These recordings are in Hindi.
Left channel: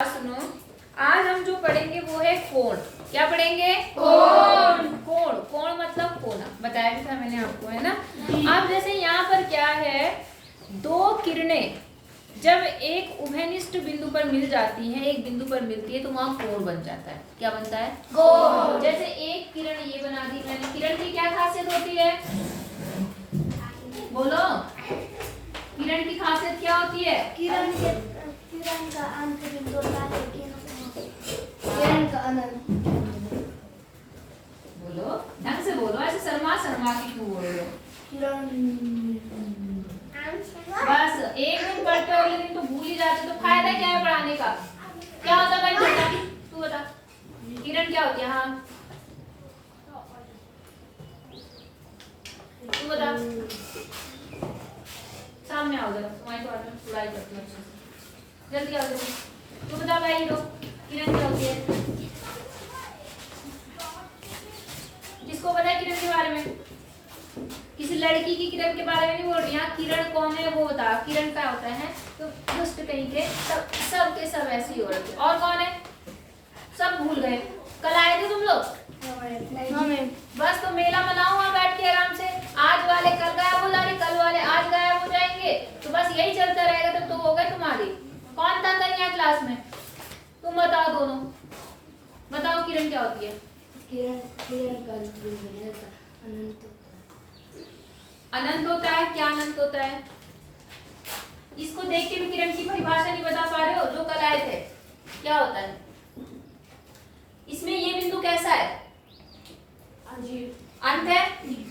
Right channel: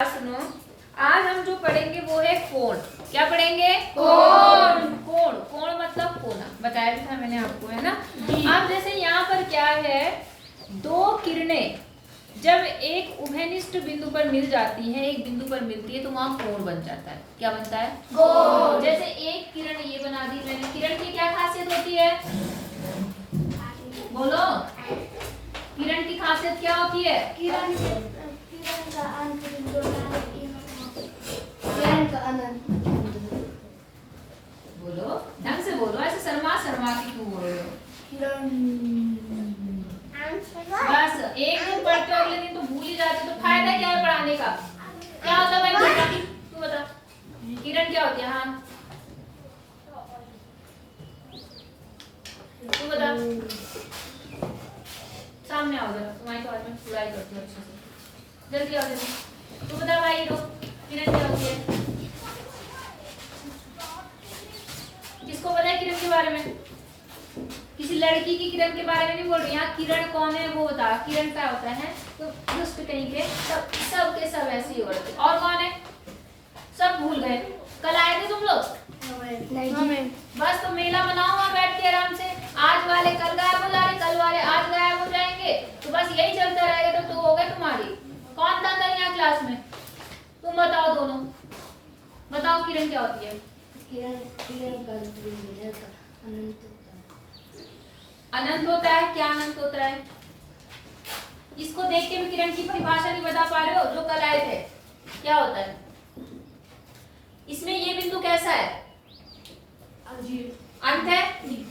सुनो, आज हम जो पढ़ेंगे वो है कोण। क्या पढ़ेंगे? कोण। कोण, कोण मतलब कोना, बताया भी था मैंने आपको, है ना। अब जैसे यहाँ पर क्या है, दो किरणें जब एक उभयनिष्ठ बिंदु पर मिल जाती है, एक बिंदु पर मिलती है तो वहां कोण बन जाता है। क्या बनता है? कोण। जैसे एक किरण ये बना दी मैंने, किरण की क्या खासियत होती है? बोलो, किरण की खासियत क्या होती है? किरण का अंत बिंदु किरण का अनंत। बोलो, ढंग से बोलो, ऐसे शर्मा शर्मा के क्यों बोल रहे हो? बस एक दिन पढ़ते हो, अगले दिन तो भूल ही जाते, तो फायदा क्या है पढ़ाने का? क्या होता है भाई? तू बता, किरण क्या होती है? हाँ तू बता, सामने आओ जरा, तुम्हारी तो आज मैं बुराई करती हूँ अच्छे से, जल्दी आओ जल्दी। तू बता भाई, दो किरण क्या होती है? किसको पता है किरण के बारे में? किसी लड़की की किरण के बारे में नहीं बोल रही, यहाँ किरण कौन है वो बता। किरण क्या होता है? तो दुष्ट कहीं के सब के सब ऐसे ही हो रहे थे। और कौन है? सब भूल गए। कल आए थे तुम लोग? नहीं। बस तो मेला मनाओ वहाँ बैठ के आराम से। आज वाले कल गायब हो जा रहे, कल वाले आज गायब हो जाएंगे, तो बस यही चलता रहेगा। तो हो गए तुम्हारी। कौन था कल यहाँ क्लास में? तुम बताओ दोनों, बताओ किरण क्या होती है? अनंत होता है। क्या अनंत होता है? इसको देख के भी किरण की परिभाषा नहीं बता पा रहे हो जो कल आए थे? क्या होता है इसमें? ये बिंदु कैसा है? अंत है,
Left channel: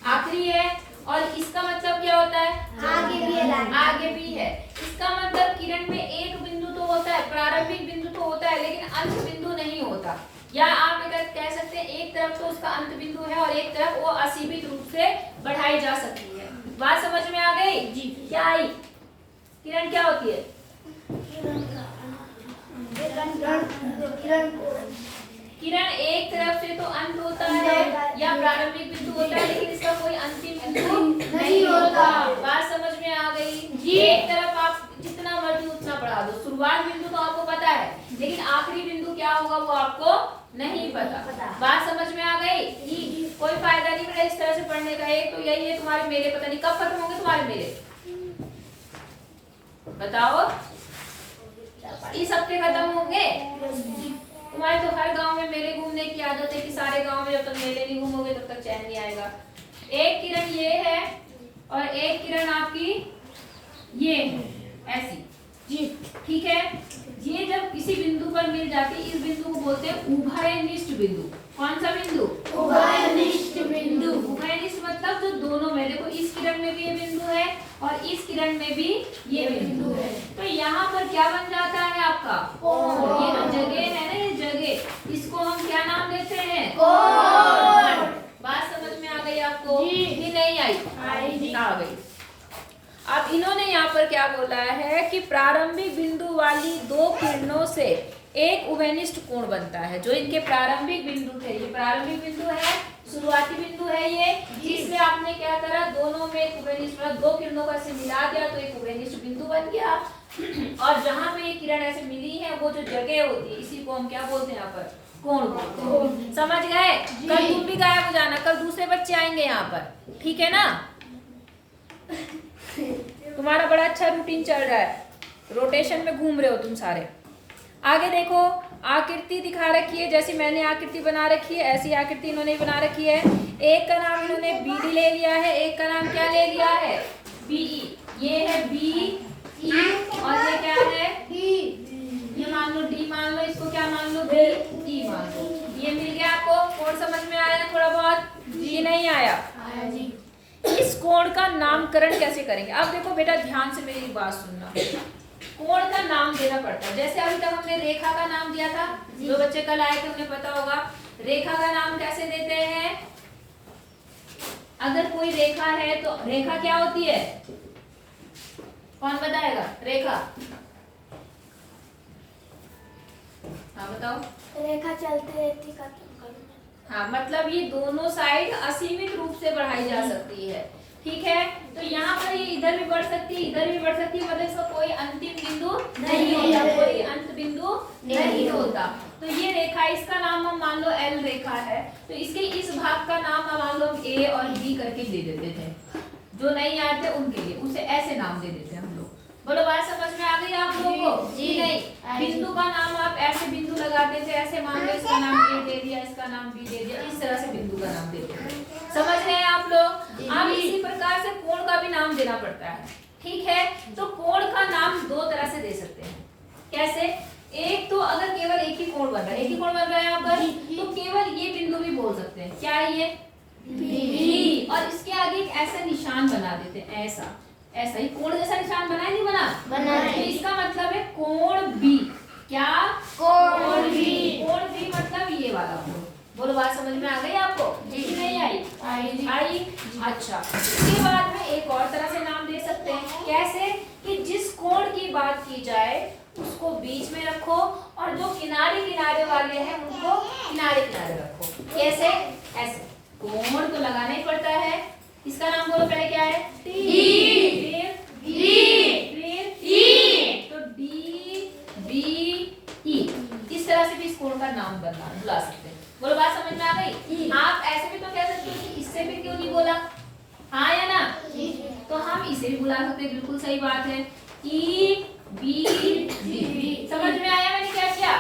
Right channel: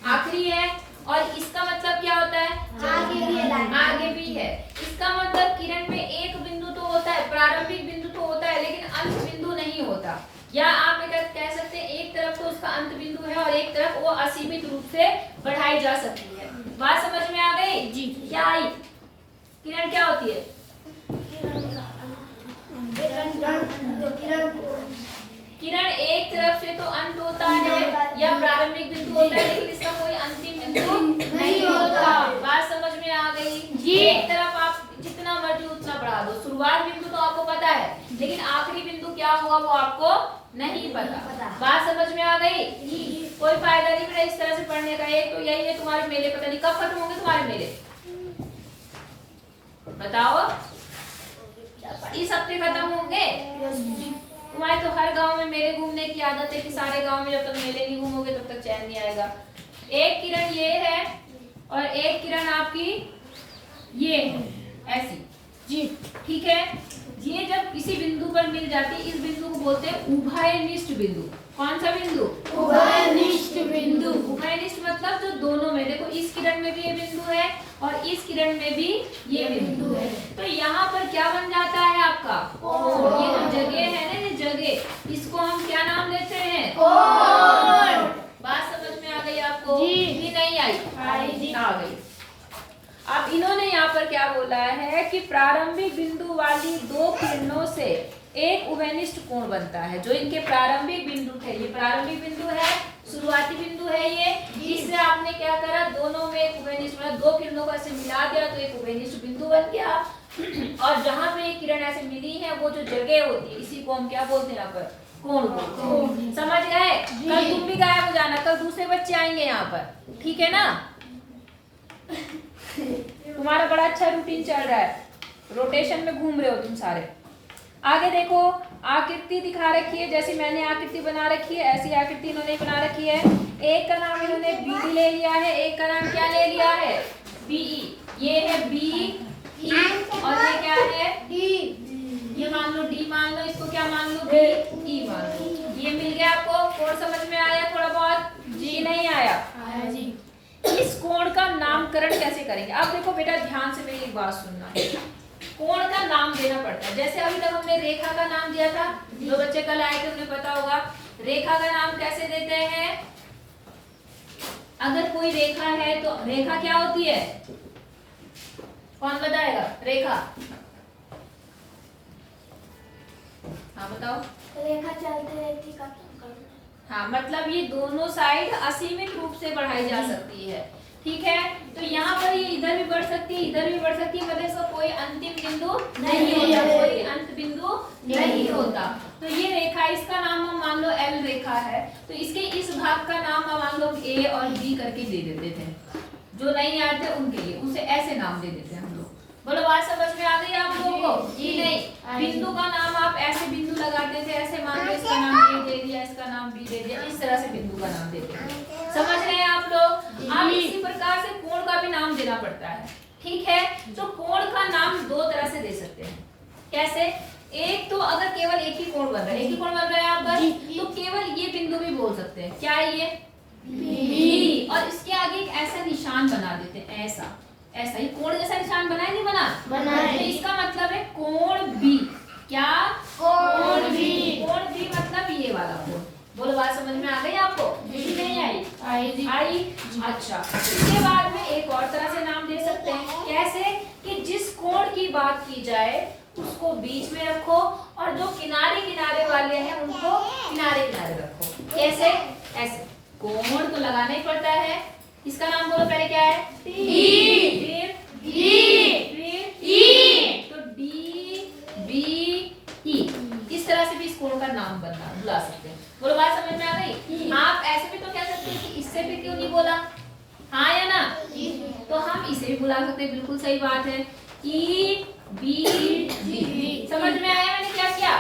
आखिरी है। और इसका मतलब क्या होता है? आगे भी है। इसका मतलब किरण में एक बिंदु तो होता है, प्रारंभिक बिंदु तो होता है, लेकिन अंत बिंदु नहीं होता। या आप बेटा कह सकते हैं एक तरफ तो उसका अंत बिंदु है और एक तरफ वो असीमित रूप से बढ़ाई जा सकती है। बात समझ में आ गई? जी। क्या आई? किरण क्या होती है? किरण एक तरफ से तो अंत होता है या प्रारंभिक बिंदु होता है, लेकिन इसका कोई अंतिम बिंदु नहीं होता। बात समझ में आ गई? जी। एक तरफ आप जितना मर्जी उतना बढ़ा दो, शुरुआत बिंदु तो आपको पता है, लेकिन आखिरी बिंदु क्या होगा वो आपको नहीं पता। बात समझ में आ गई? कोई फायदा नहीं मेरा इस तरह से पढ़ने का। एक तो यही है, तुम्हारे मेले पता नहीं कब खत्म होंगे तुम्हारे मेले, बताओ? इस हफ्ते खत्म होंगे? तुम्हारे तो हर गांव में मेले घूमने की आदत है कि सारे गांव में जब तक मेले नहीं घूमोगे तब तक चैन नहीं आएगा। एक किरण ये है और एक किरण आपकी ये है, ऐसी। जी ठीक है। ये जब किसी बिंदु पर मिल जाती है, इस बिंदु को बोलते हैं उभयनिष्ठ बिंदु। कौन सा बिंदु? उभयनिष्ठ बिंदु। उभयनिष्ठ मतलब जो दोनों में, देखो इस किरण में भी ये बिंदु है और इस किरण में भी ये बिंदु है, तो यहाँ पर क्या बन जाता है आपका? कोण। ये जो जगह है ना, ये जगह, इसको हम क्या नाम देते हैं? कोण। बात समझ में आ गई आपको? जी। नहीं आई? आ गई। अब इन्होंने यहाँ पर क्या बोला है कि प्रारंभिक बिंदु वाली दो किरणों से एक उभयनिष्ठ कोण बनता है। जो इनके प्रारंभिक बिंदु थे, ये प्रारंभिक बिंदु है, शुरुआती बिंदु है ये, इससे आपने क्या करा, दोनों में एक उभयनिष्ठ, दो किरणों को ऐसे मिला दिया तो एक उभयनिष्ठ बिंदु बन गया। और जहां पे ये किरण ऐसे मिली है, वो जो जगह होती है, इसी को हम क्या बोलते हैं यहाँ पर? कोण बोलते हैं। समझ गए? कल तुम भी गायब हो जाना, कल दूसरे बच्चे आएंगे यहाँ पर, ठीक है ना? तुम्हारा बड़ा अच्छा रूटीन चल रहा है, रोटेशन में घूम रहे हो तुम सारे। आगे देखो, आकृति दिखा रखी है, जैसे मैंने आकृति बना रखी है ऐसी आकृति इन्होंने बना रखी है। एक का नाम इन्होंने BD ले लिया है, एक का नाम क्या ले लिया है? BE। ये है BE और ये क्या है? ये मान लो D मान लो, इसको क्या मान लो? BE मान लो। ये मिल गया आपको? कोण समझ में आया थोड़ा बहुत? जी। नहीं आया? जी। इस कोण का नामकरण कैसे करेंगे? अब देखो बेटा, ध्यान से मेरी बात सुनना। कोण का नाम देना पड़ता है। जैसे अभी तक हमने रेखा का नाम दिया था, जो बच्चे कल आए थे उन्हें पता होगा। रेखा का नाम कैसे देते हैं? अगर कोई रेखा है तो रेखा क्या होती है? कौन बताएगा? रेखा, हाँ बताओ। रेखा चलते रहती का। हाँ, मतलब ये दोनों साइड असीमित रूप से बढ़ाई जा सकती है, ठीक है। तो यहाँ पर ये इधर भी बढ़ सकती है, इधर भी बढ़ सकती है, मतलब इसका कोई अंतिम बिंदु नहीं होता, कोई अंत बिंदु नहीं होता। तो ये रेखा, इसका नाम हम मान लो L रेखा है, तो इसके इस भाग का नाम हम मान लो A और B करके दे देते थे, जो नहीं आए थे उनके लिए उसे ऐसे नाम दे देते हैं हम लोग। बोलो बात समझ में आ गई आप लोगों को? जी नहीं, बिंदु का नाम आप ऐसे बिंदु लगाते थे, ऐसे मान लो इसका नाम A दे दिया, इसका नाम B दे दिया, इस तरह से बिंदु का नाम देते हैं। समझ रहे हैं आप लोग? अब इसी प्रकार से कोण का भी नाम देना पड़ता है, ठीक है? तो कोण का नाम दो तरह से दे सकते हैं। कैसे? एक तो अगर केवल एक ही कोण बन रहा है, एक ही कोण बन रहा है यहाँ पर, तो केवल ये बिंदु भी बोल सकते हैं। क्या है ये? B। और इसके आगे एक ऐसा निशान बना देते हैं, ऐसा ऐसा ही कोण जैसा निशान बना है, नहीं बना? तो इसका मतलब है कोण B। क्या? कोण B। कोण B मतलब ये वाला कोण। बोलो बात समझ में आ गई आपको? जी नहीं आई? आई। अच्छा, इसके बाद में एक और तरह से नाम दे सकते हैं। कैसे? कि जिस कोण की बात की जाए उसको बीच में रखो और जो किनारे किनारे वाले हैं उनको किनारे किनारे रखो। कैसे? ऐसे कोण तो लगाना ही पड़ता है। इसका नाम बोलो पहले क्या है? टी। फिर ई। तो डी बी ई, इस तरह से भी इस कोण का नाम बुला सकते हैं। बोलो बात समझ में आ गई? आप ऐसे भी तो कह सकते हैं कि इससे भी क्यों नहीं बोला, हाँ या ना? तो हम इसे भी बुला सकते हैं, बिल्कुल सही बात है। E B D. समझ में आया मैंने क्या किया?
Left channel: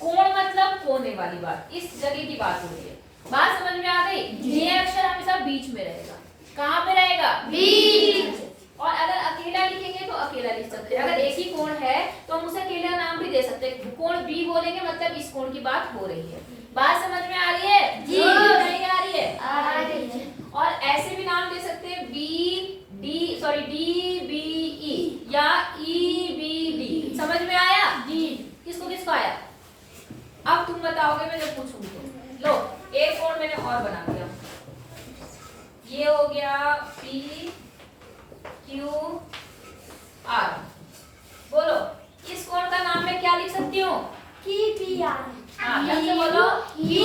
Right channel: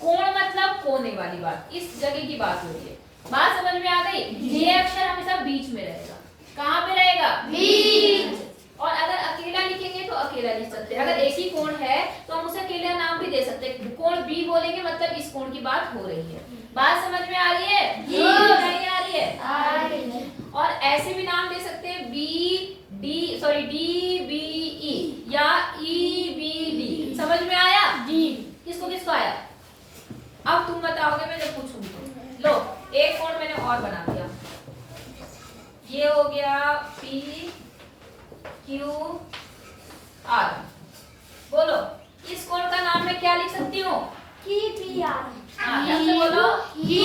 कोण मतलब कोने वाली बात, इस जगह की बात हो रही है। बात समझ में आ गई? ये अक्षर हमेशा बीच में रहेगा। कहाँ पे रहेगा? बीच। और अगर अकेला लिखेंगे तो अकेला लिख सकते हैं। अगर एक ही कोण है तो हम उसे अकेला नाम भी दे सकते हैं। कोण बी बोलेंगे मतलब इस कोण की बात हो रही है। बात समझ में आ रही है? जी। नहीं आ रही है? आ रही है। और ऐसे भी नाम दे सकते हैं डी बी ई या ई बी डी। समझ में आया? जी। किसको किसको आया? अब तुम बताओगे, मैं जब पूछूंगी तो। लो, एक कोण मैंने और बना दिया, ये हो गया पी क्यू आर। बोलो इस कोण का नाम मैं क्या लिख सकती हूँ? हाँ, बोलो लिख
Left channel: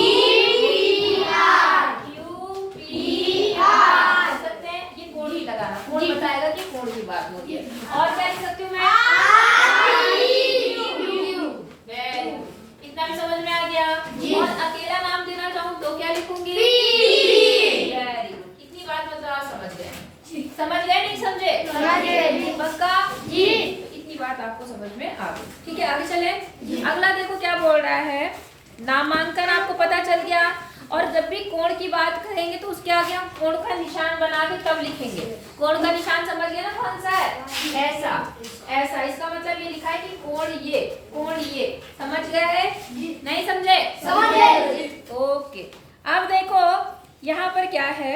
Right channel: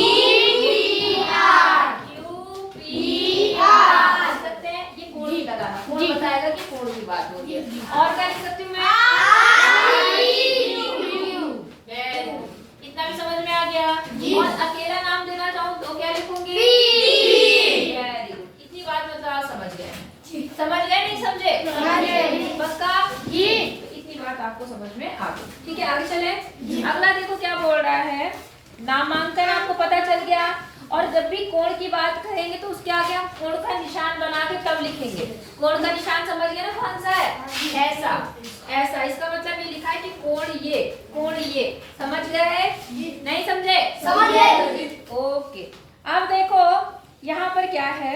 सकते हैं। ये कोण भी लगाना, कोण बताएगा कि कोण की बात होगी। और क्या लिख सकती हूँ मैं? इतना भी समझ में आ गया? और अकेला नाम देना चाहूँ तो क्या लिखूंगी? Very good. इतनी बात मतलब आप समझ गए? समझ गए नहीं समझे? पक्का? जी। इतनी बात आपको समझ में आ गई, ठीक है? आगे चले। अगला देखो क्या बोल रहा है, नामांकन आपको पता चल गया। और जब भी कोण की बात करेंगे तो उसके आगे हम कोण का निशान बना के तब लिखेंगे। कोण का निशान समझ गए ना कौन सा है? ऐसा ऐसा। इसका मतलब ये लिखा है कि कोण ये। समझ गए? नहीं समझे? समझ गए। ओके। अब देखो यहाँ पर क्या है,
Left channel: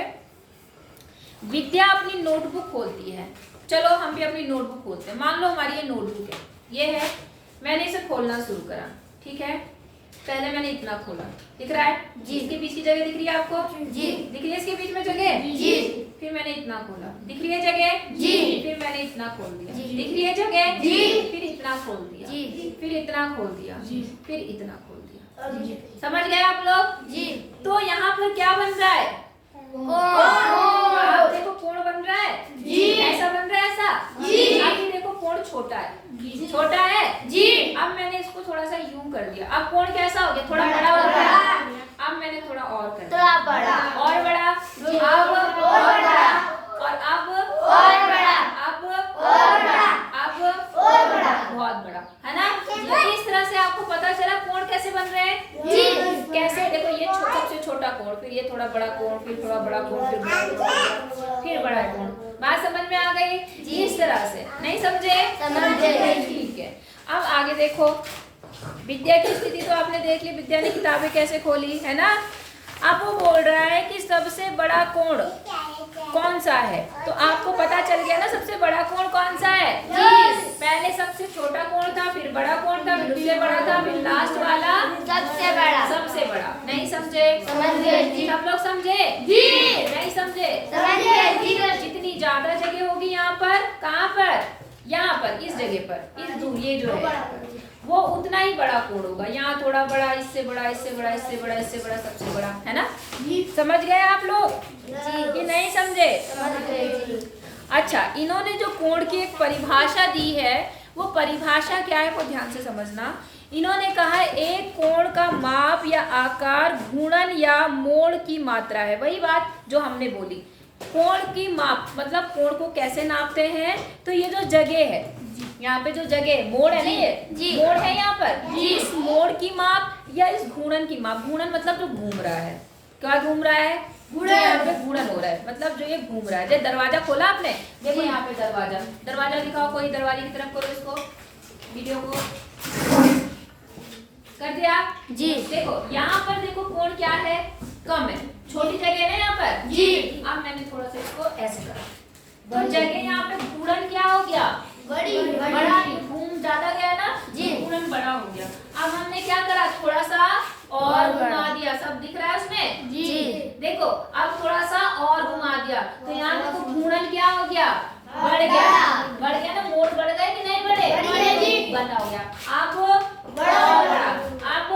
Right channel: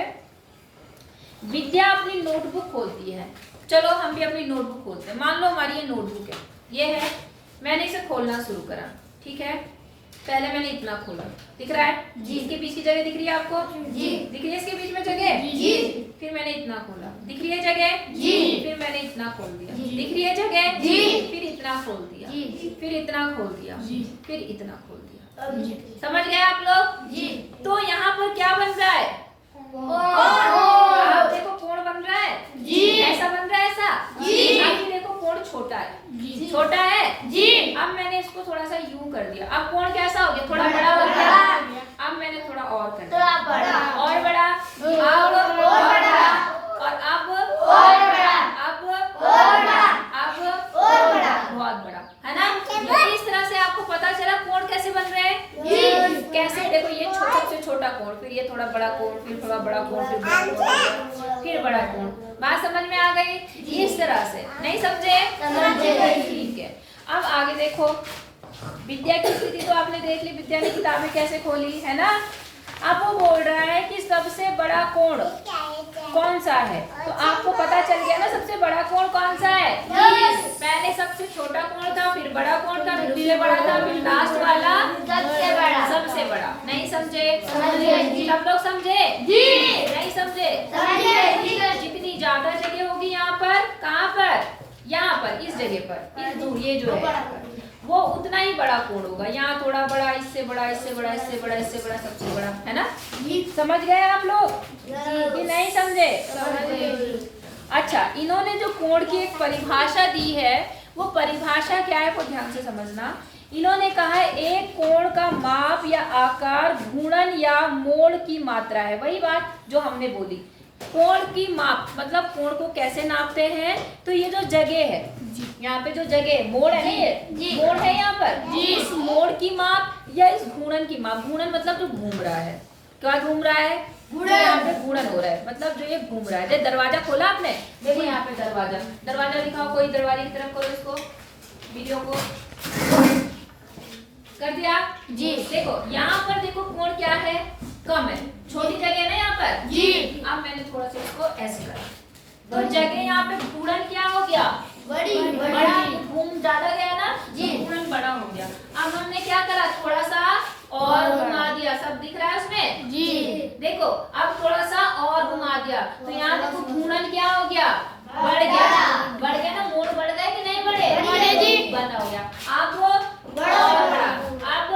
विद्या अपनी नोटबुक खोलती है। चलो हम भी अपनी नोटबुक खोलते हैं। मान लो हमारी ये नोटबुक है, ये है, मैंने इसे खोलना शुरू करा, ठीक है? पहले मैंने इतना खोला, दिख रहा है? जी। इसके बीच की जगह दिख रही है आपको? जी। दिख रही है इसके बीच में जगह? जी। फिर मैंने इतना खोला, दिख रही है जगह? जी। फिर मैंने इतना खोल दिया, दिख रही है जगह? जी। फिर इतना खोल दिया, फिर इतना खोल दिया, फिर इतना खोल दिया। समझ गए आप लोग? जी। तो यहाँ पर क्या बन रहा है? आप देखो कोण बन रहा है। जी। ऐसा बन रहा है, ऐसा? जी। अभी देखो कोण छोटा है, छोटा है? जी। अब मैंने इसको थोड़ा सा यूं कर दिया, अब कोण कैसा हो गया? थोड़ा बड़ा हो गया। अब मैंने थोड़ा और कर दिया, और बड़ा, अब और बड़ा, और अब और बड़ा, अब और बड़ा, अब और बड़ा, बहुत बड़ा, है ना? तो इस तरह से आपको पता चला कोण कैसे बन रहे हैं। कैसे? देखो ये सबसे छोटा कोण, फिर ये थोड़ा बड़ा कोण, फिर थोड़ा बड़ा कोण, फिर बड़ा कोण, फिर बड़ा कोण। बात समझ में आ गई? इस तरह से। नहीं समझे? समझे। ठीक है। अब आगे देखो, विद्या की स्थिति तो आपने देख ली, विद्या ने किताबें कैसे खोली, है ना? अब वो बोल रहा है कि सबसे बड़ा कोण कौन सा है। तो आपको पता चल गया ना सबसे बड़ा कोण कौन सा है? पहले सबसे छोटा कोण था, फिर बड़ा कोण था, फिर उससे बड़ा था, फिर लास्ट वाला सबसे बड़ा। सबसे बड़ा। नहीं समझे? समझे। सब लोग समझे? जी। नहीं समझे? समझे। जितनी ज्यादा जगह होगी यहाँ पर, कहाँ पर? यहाँ पर, इस जगह पर, ये जो है वो उतना ही बड़ा कोण होगा। यहाँ थोड़ा बड़ा, इससे बड़ा, इससे बड़ा, इससे बड़ा, इससे बड़ा, सबसे बड़ा, है ना? समझ गए आप लोग? जी। नहीं समझे? अच्छा, इन्होंने जो कोण की एक परिभाषा दी है, वो परिभाषा क्या है वो ध्यान से समझना। इन्होंने कहा है एक कोण का माप या आकार घूर्णन या मोड़ की मात्रा है। वही बात जो हमने बोली, कोण की माप मतलब कोण को कैसे नापते हैं, तो ये जो जगह है, यहाँ पे जो जगह मोड़ है ना, ये मोड़ है यहाँ पर, इस मोड़ की माप या इस घूर्णन की माप। घूर्णन मतलब जो घूम रहा है, क्या घूम रहा है, यहाँ पे घूर्णन हो रहा है, मतलब जो ये घूम रहा है। जैसे दरवाजा खोला आपने, देखो यहाँ पे दरवाजा, दरवाजा दिखाओ, कोई दरवाजे की तरफ करो इसको, वीडियो को कर दिया जी। देखो यहाँ पर देखो कोण क्या है, कम है, छोटी जगह है ना यहाँ पर जी। अब मैंने थोड़ा सा इसको ऐसे करा, तो जगह यहाँ पे घूर्णन क्या हो गया, बड़ा, घूम ज्यादा गया ना जी, घूर्णन बड़ा हो गया। अब हमने क्या करा, थोड़ा सा और घुमा दिया, सब दिख रहा है उसमें जी। देखो अब थोड़ा सा और घुमा दिया, तो यहाँ देखो घूर्णन क्या हो गया, बढ़ गया ना, मोड़ बढ़ गए कि नहीं बढ़े, बड़ा हो गया। अब बड़ा, अब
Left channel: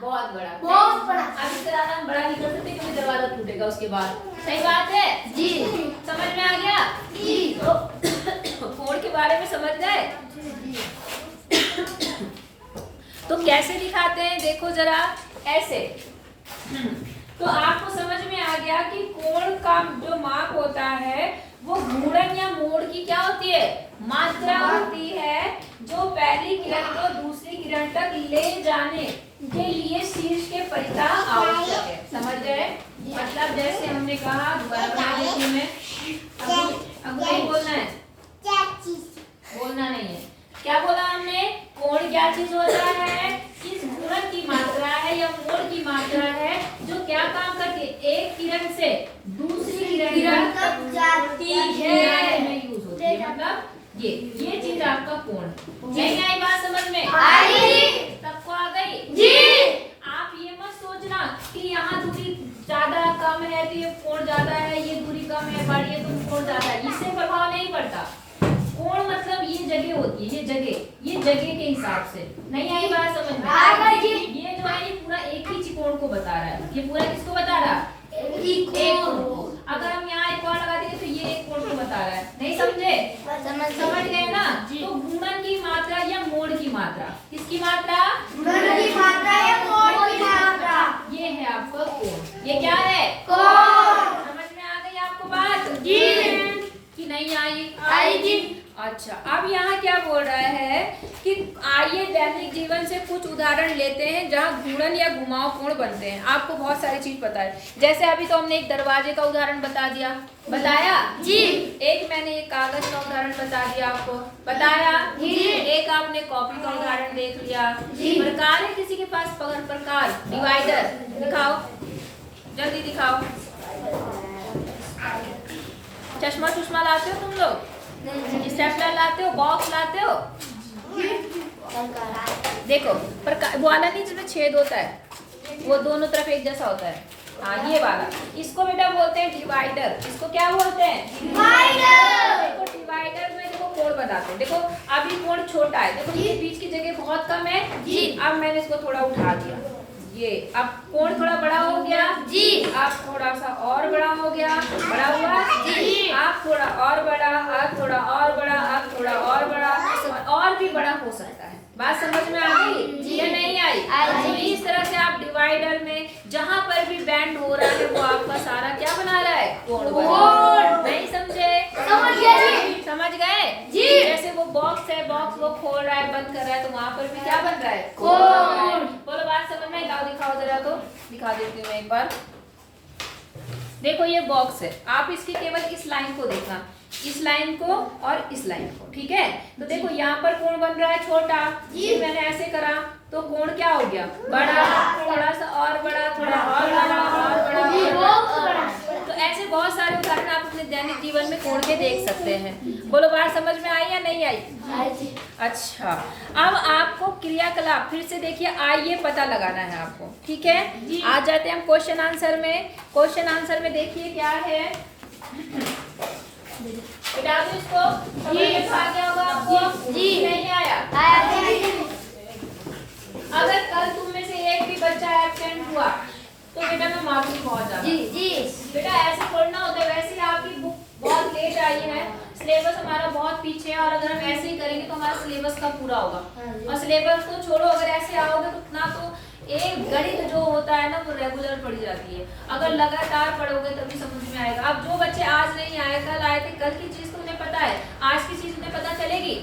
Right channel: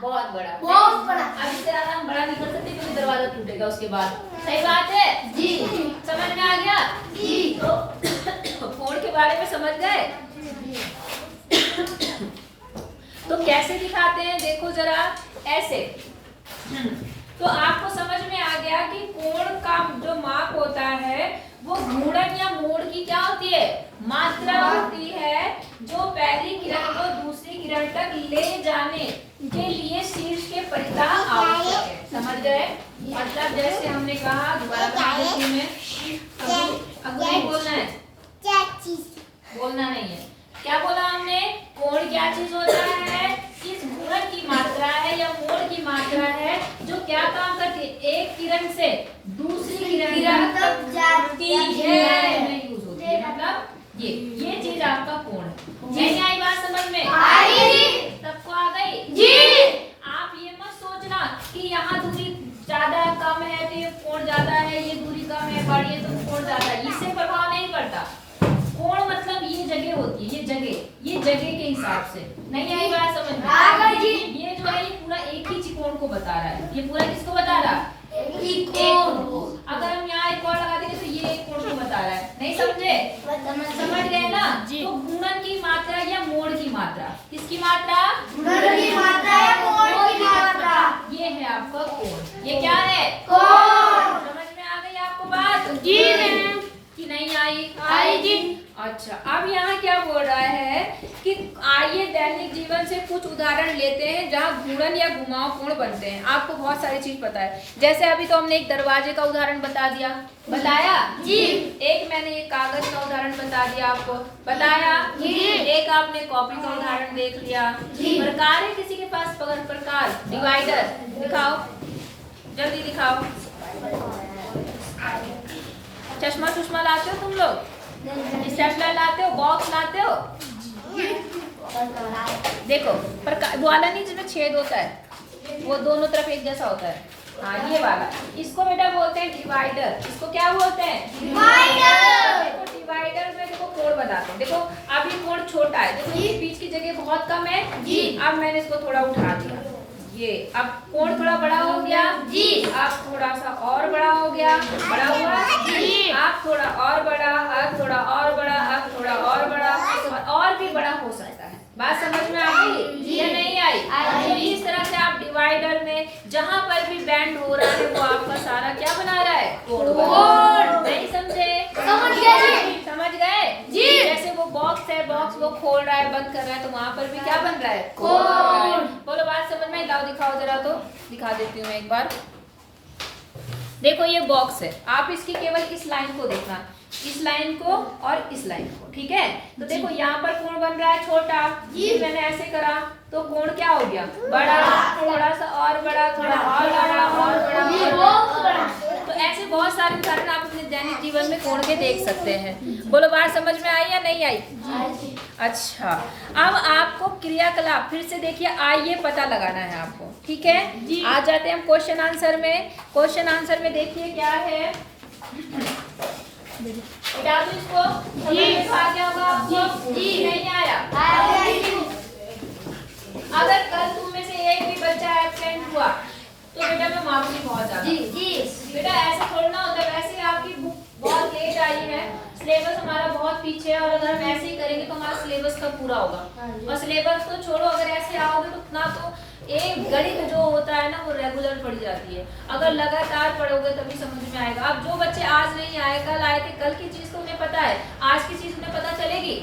बहुत बड़ा। अब इससे ज्यादा हम बड़ा नहीं कर सकते क्योंकि दरवाजा टूटेगा उसके बाद। सही बात है जी, समझ में आ गया जी। तो कोण के बारे में समझ गए। तो कैसे दिखाते हैं, देखो जरा ऐसे। तो आपको समझ में आ गया कि कोण का जो माप होता है वो घूर्णन या मोड़ की क्या होती है, मात्रा होती है, जो पहली किरण को दूसरी किरण तक ले जाने के लिए शीर्ष के परितः आवश्यक है। समझ गए, मतलब जैसे हमने कहा, दोबारा बता देती हूं मैं, अब नहीं बोलना है, बोलना नहीं है। क्या बोला हमने, कोण क्या चीज होता है, इस घूर्णन की मात्रा है या मोड़ की मात्रा है जो क्या काम करती है, एक किरण से दूसरी किरण तक जाती है, यूज होती है। मतलब ये चीज आपका कोण है। नहीं आई बात समझ में, सबको आ गई जी। आप ये मत सोचना कि यहाँ दूरी ज्यादा कम है तो ये कोण ज्यादा है, ये दूरी कम है बड़ी है तो कोण ज्यादा है, इससे प्रभाव नहीं पड़ता। कोण मतलब ये जगह होती है, ये जगह के हिसाब से। नहीं आई बात समझ में, ये जो है ये पूरा एक ही त्रिकोण को बता रहा है। ये पूरा किसको बता रहा है, एक कोण को। अगर हम यहाँ एक और लगा देंगे तो ये एक कोण को बता रहा है। नहीं समझे, समझ गए ना। तो घूर्णन की मात्रा या मोड़ की मात्रा, किसकी मात्रा, घूर्णन की मात्रा या मोड़ की मात्रा, ये है आपका कोण। ये क्या है, कोण। समझ में आ गई आपको बात जी कि नहीं आई जी। अच्छा, अब यहाँ क्या बोल रहा है कि आइए दैनिक जीवन से कुछ उदाहरण लेते हैं जहाँ घूर्णन या घुमाव कोण बनते हैं। आपको बहुत सारी चीज पता है, जैसे अभी तो हमने एक दरवाजे का उदाहरण बताया जी। एक मैंने एक कागज का उदाहरण बता दिया, आपको बताया जी। एक आपने कॉपी का उदाहरण देख लिया। प्रकार है किसी के पास, प्रकार, डिवाइडर दिखाओ, जल्दी दिखाओ। चश्मा लाते हो तुम लोग, स्टेपलर लाते हो, बॉक्स लाते हो। देखो प्रकार वो वाला नहीं जिसमें छेद होता है, वो दोनों तरफ एक जैसा होता है, हाँ ये वाला, इसको बेटा बोलते हैं डिवाइडर। इसको क्या बोलते हैं, डिवाइडर। देखो डिवाइडर में देखो कोण बनाते हैं। देखो अभी कोण छोटा है, देखो ये बीच की जगह बहुत कम है जी। अब मैंने इसको थोड़ा उठा दिया, ये अब कोण थोड़ा बड़ा हो गया जी। अब थोड़ा सा और बड़ा हो गया, बड़ा हुआ जी। अब थोड़ा और बड़ा, अब थोड़ा और बड़ा, अब थोड़ा और बड़ा, और भी बड़ा हो सकता है। बात समझ में आ गई या नहीं आई? तो इस तरह से आप डिवाइडर में जहाँ पर भी बैंड हो रहा है वो आपका सारा क्या बना रहा है, कोण। नहीं समझे, समझ गए जी। जैसे वो बॉक्स है, बॉक्स वो खोल रहा है, बंद कर रहा है, तो वहाँ पर भी क्या बन रहा है, कोण। बोलो बात समझ में, लाओ दिखाओ जरा, तो दिखा देती हूँ मैं एक बार। देखो ये बॉक्स है, आप इसकी केवल इस लाइन को देखना, इस लाइन को और इस लाइन को, ठीक है। तो देखो यहाँ पर कोण बन रहा है छोटा, ये मैंने ऐसे करा तो कोण क्या हो गया, बड़ा, थोड़ा सा और बड़ा, थोड़ा और बड़ा, और बड़ा। तो ऐसे बहुत सारे उदाहरण आप अपने दैनिक जीवन में कोण के देख सकते हैं। बोलो बात समझ में आई या नहीं आई? अच्छा, अब आपको क्रियाकलाप फिर से देखिए, आइए पता लगाना है आपको, ठीक है। आ जाते हैं हम क्वेश्चन आंसर में। क्वेश्चन आंसर में देखिए क्या है, इसको आ गया होगा आपको जी, नहीं आया। अगर कल तुम में से एक भी बच्चा एब्सेंट हुआ तो बेटा मैं माफी बहुत ज्यादा जी। बेटा ऐसे खोलना होता है, वैसे ही आपकी बुक बहुत लेट लेट आई है, सिलेबस हमारा बहुत पीछे है, और अगर हम ऐसे ही करेंगे तो हमारा सिलेबस कब पूरा होगा। और सिलेबस को छोड़ो, अगर ऐसे आओगे तो ना तो एक गणित जो होता है ना वो रेगुलर पढ़ी जाती है, अगर लगातार पढ़ोगे तभी समझ में आएगा। अब जो बच्चे आज नहीं आए, कल आए थे, कल की चीज तो उन्हें पता है, आज की चीज उन्हें पता चलेगी?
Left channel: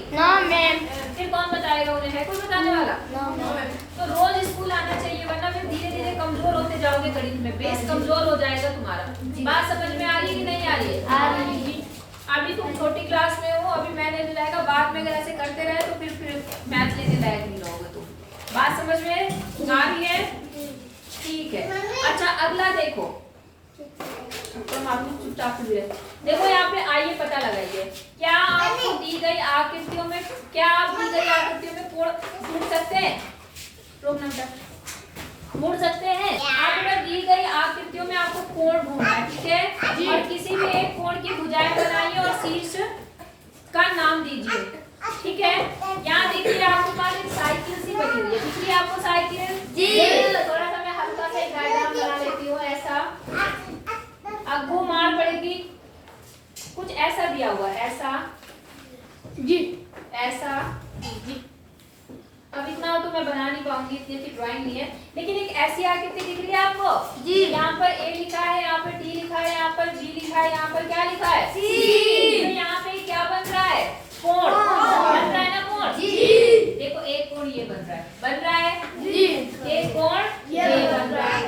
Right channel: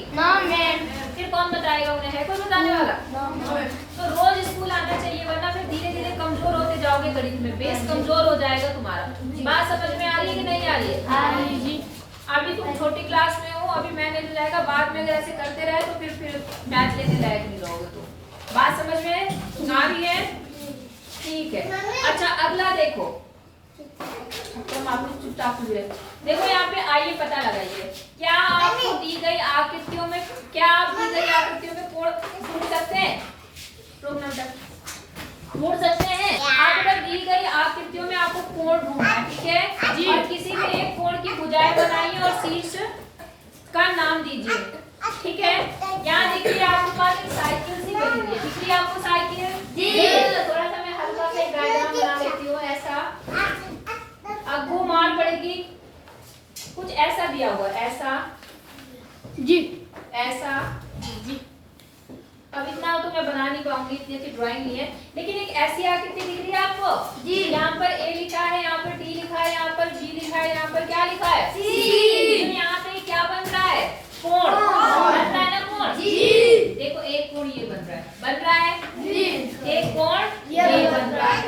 फिर कौन बताएगा उन्हें? है कोई बताने वाला? तो रोज स्कूल आना चाहिए, वरना फिर धीरे धीरे कमजोर होते जाओगे गणित में, बेस कमजोर हो जाएगा तुम्हारा। बात समझ में आ रही है कि नहीं आ रही है? अभी तुम छोटी क्लास में हो, अभी मैथ लेने लायक, बाद में अगर ऐसे करते रहे तो फिर मैथ लेने लायक नहीं रहोगे तुम। बात समझ में आ रही है? ठीक है। अच्छा अगला देखो, चुपचाप हुए देखो यहाँ पे, आइए पता लगाइए, क्या आपको दी गई आकृतियों में, क्या आप दी गई आकृतियों में कोण ढूंढ सकते हैं? रोकना बेटा, ढूंढ सकते हैं? आप बेटा दी गई आकृतियों में आपको कोण ढूंढना है, ठीक है? और किसी भी एक कोण की भुजाएं बनाइए और शीर्ष का नाम दीजिए, ठीक है? यहाँ देखिए आपके पास एक साइकिल सी बनी हुई है, दिख रही है आपको साइकिल? थोड़ा सा मैं हल्का सा एक डायग्राम बना लेती हूँ, ऐसा अब वो मार पड़ेगी, कुछ ऐसा दिया हुआ, ऐसा जी, ऐसा जी। अब इतना तो मैं बना नहीं पाऊंगी, इतनी अच्छी ड्राइंग नहीं है, लेकिन एक ऐसी आकृति दिख रही है आपको जी। यहाँ पर ए लिखा है, यहाँ पर टी लिखा है, यहाँ पर बी लिखा है, यहाँ पर क्या लिखा है? सी। तो यहाँ पे क्या बन रहा है? कोण बन रहा है ना, कोण जी। देखो एक कोण ये बन रहा है जी, एक कोण ये बन रहा है,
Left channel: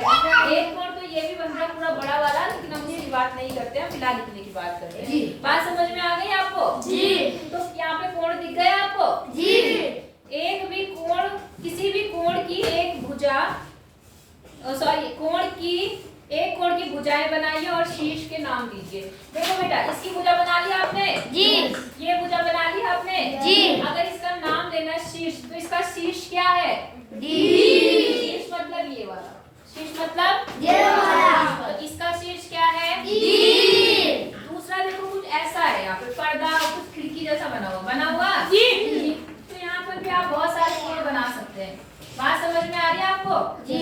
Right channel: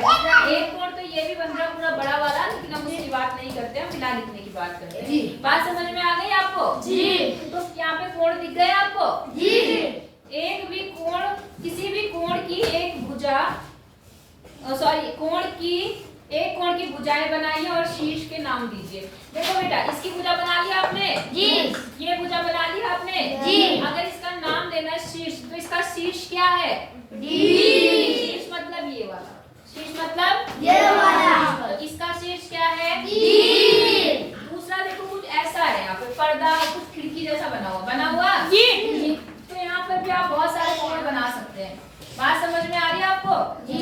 एक कोण तो ये भी बन रहा है पूरा बड़ा वाला, लेकिन हम इसकी बात नहीं करते, हम फिलहाल लिखने की बात करते हैं जी। बात समझ में आ गई आपको जी? तो यहाँ पे कोण दिख गए आपको जी। एक भी कोण, किसी भी कोण की एक भुजा, सॉरी कोण की एक कोण की भुजाएं बनाइए और शीर्ष के नाम दीजिए। देखो बेटा, इसकी भुजा बना लिया आपने जी, ये भुजा बना लिया आपने जी। अगर इसका नाम देना है शीर्ष, तो इसका शीर्ष क्या है? डी। शीर्ष मतलब ये वाला, शीर्ष मतलब ये वाला, इसका शीर्ष क्या है? डी। दूसरा देखो कुछ ऐसा है, यहाँ पे पर्दा, कुछ खिड़की जैसा बना हुआ जी। तो यहाँ पर भी आप बहुत सारे कोण बना सकते हैं। बात समझ में आ रही है आपको जी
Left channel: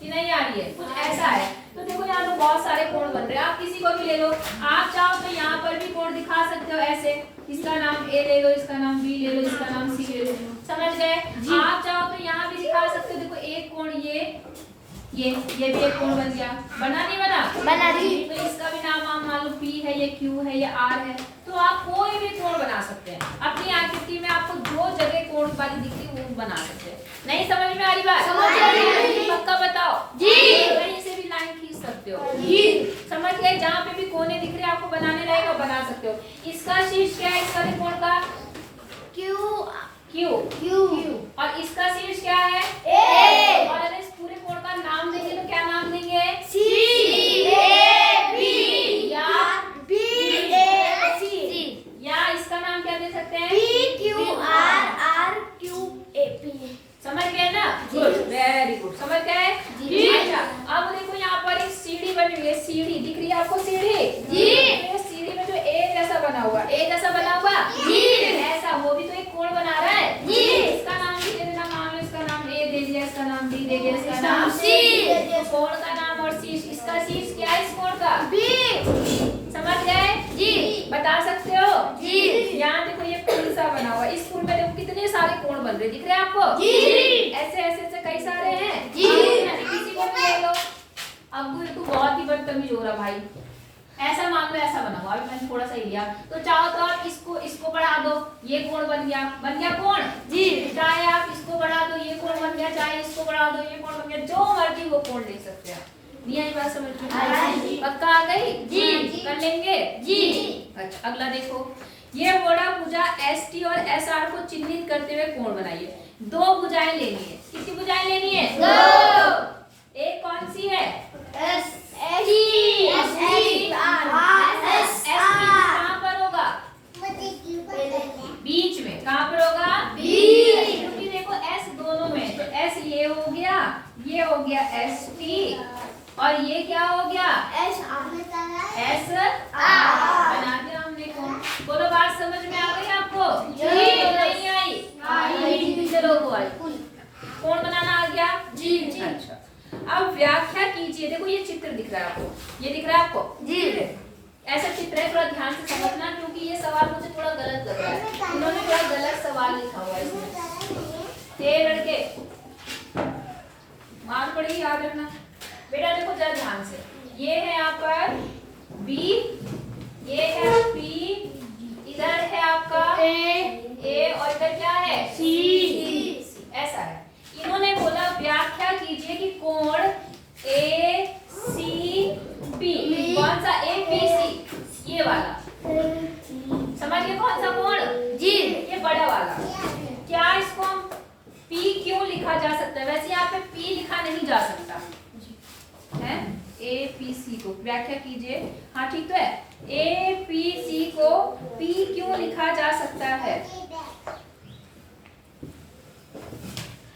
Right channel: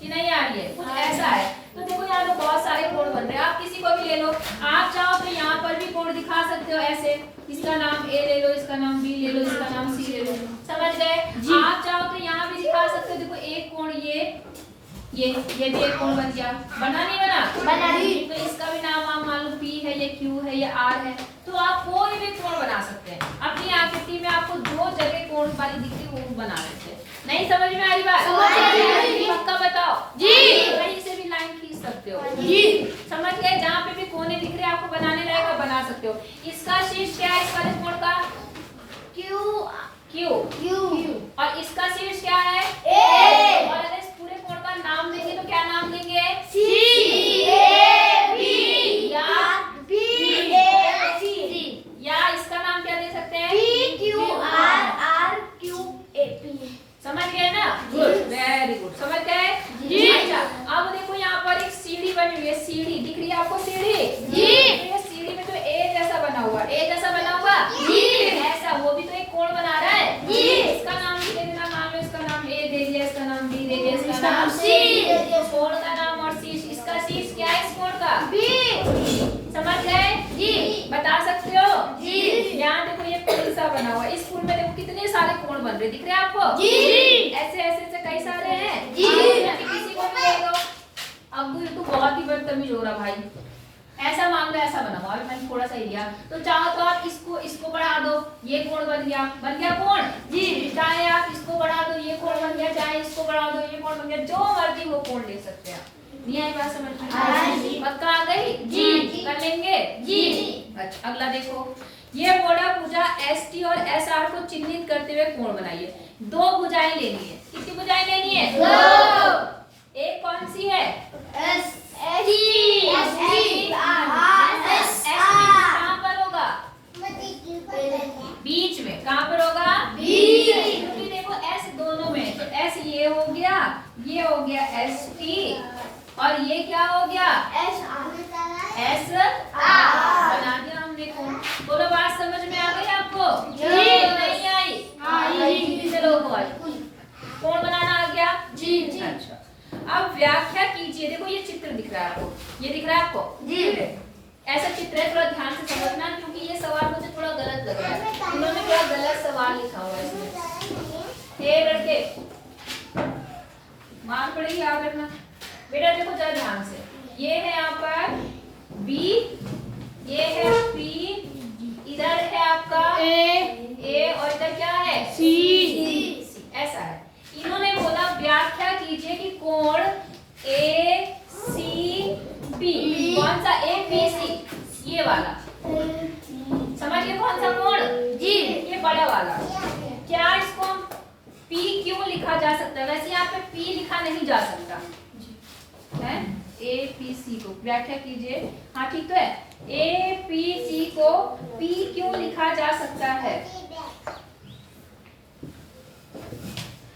कि नहीं आ रही है? कुछ ऐसा है, तो देखो यहाँ पे बहुत सारे कोण बन रहे हैं, आप किसी को भी ले लो, आप चाहो तो यहाँ पर भी कोण दिखा सकते हो ऐसे, इसका नाम ए ले लो, इसका नाम बी ले लो, इसका नाम सी ले लो, समझ गए? आप चाहो तो यहाँ भी दिखा सकते हो, देखो एक कोण ये भी एक कोण बन गया, बना नहीं बना? बना दी। तो इसका भी नाम आप मान लो पी है, ये क्यू है, ये आर है, तो आप कोई भी कोण बना सकते हैं अपनी आकृति में, आपको जो जगह कोण वाली दिखती है वो बना सकते हैं। नहीं समझ में आ रही बात? पक्का बताओ जी। कहीं से भी लाइन खींच सकते हो जी, समझ गए? जहाँ पे भी कोने दिख रहे हैं आपको बनाने लायक आप बना सकते हो। इसका शीर्ष क्या है इस वाले कोण का? क्यू। और इसका शीर्ष क्या है? ए। और अगर इस पूरे कोण का नाम देंगे तो क्या नाम देंगे? सी, ए, बी या बी, ए, सी। या इसका नाम क्या दे सकते हैं? P, Q, R, Q, A, P. समझ गए ना? गुड, वेरी गुड, समझ गए जी। अच्छा अब देखो यहाँ पर एक सीढ़ी बनी हुई है, सीढ़ी दिख रही है आपको? सीढ़ी जी। तो सीढ़ी में जो ए जैसा बना हुआ जी, ऐसा वो भी तो एक कोण बना रहा है जी। इसका नाम भी दे देना, मान लो इसका नाम ए दे दिया, इसका नाम बी दे दिया, इसका नाम सी। कोण का नाम और शीर्ष, इसका शीर्ष क्या है इस कोण का? बी। समझ गए जी? बता सकते हो जी? यहाँ देखो ये पुल सा बना हुआ है, इस पुल में देखो कितने सारे कोण बन रहे, दिख रहे हैं आपको जी? ऐसे ऐसे कई सारे हैं जी। किसी को भी ले लो। अब तू बहुत ही बदतमीज हो रहा भाई, ऐसा मान लो ऐसा बना हुआ, अभी मैंने थोड़ा सा लिया, तो चाहो तो आप इसको बढ़ा दो, ये कोण बन गया कोण जी। चाहे आप इसको बढ़ा दो, ये कोण बन गया, चाहे इसको बढ़ा दो, ये कोण बन गया, जो मर्जी वो कोण लिख सकते हैं। नहीं आई बात समझ में? पक्का आ गई जी? कर लेंगे जी। अच्छा अगला देखो, ये बोड़ा भुजा एस टी और एस आर को चिन्हित करते हुए कोण बनाइए। दो भुजाएं लेनी है, कितनी भुजाएं लेनी है? दो। एक कौन सी है? S T. कहाँ पर होगा? बीच में। कहाँ पर होगा? क्योंकि देखो एस दोनों में, तो एस ये हो गया एस टी, और ये क्या हो गया? एस बना दिया हमने कोण। बोलो बात समझ में आ गई आपको जी? नहीं आई? चलो कोण बनाना आ गया जी। अच्छा अब व्याख्या कीजिए। देखो ये चित्र दिख रहा है आपको, ये दिख रहा है आपको जी? ऐसा चित्र है, थोड़ा ध्यान से समझना क्योंकि ये सवाल मुझे थोड़ा गलत लग रहा है, इन्होंने थोड़ा गलत सवाल लिखा हुआ है इसमें। हे लड़के मार पड़ेगी, याद रखना बेटा। देखो जरा ध्यान से, ये है यहाँ पर बी, ये है पी, इधर है आपका ए और इधर क्या है सी। ऐसा है। इन्होंने बोला व्याख्या कीजिए कि कोण ए सी बी, कौन सा ए बी सी, ये वाला समझ गए कौन सा कोण जी, ये बड़ा वाला। क्या इसको हम पी क्यों लिखा जा सकता है? वैसे यहाँ पे पी लिखा नहीं जा सकता है, ए पी सी को व्याख्या कीजिए। हाँ ठीक तो है, ए पी सी को पी क्यों लिखा जा सकता है?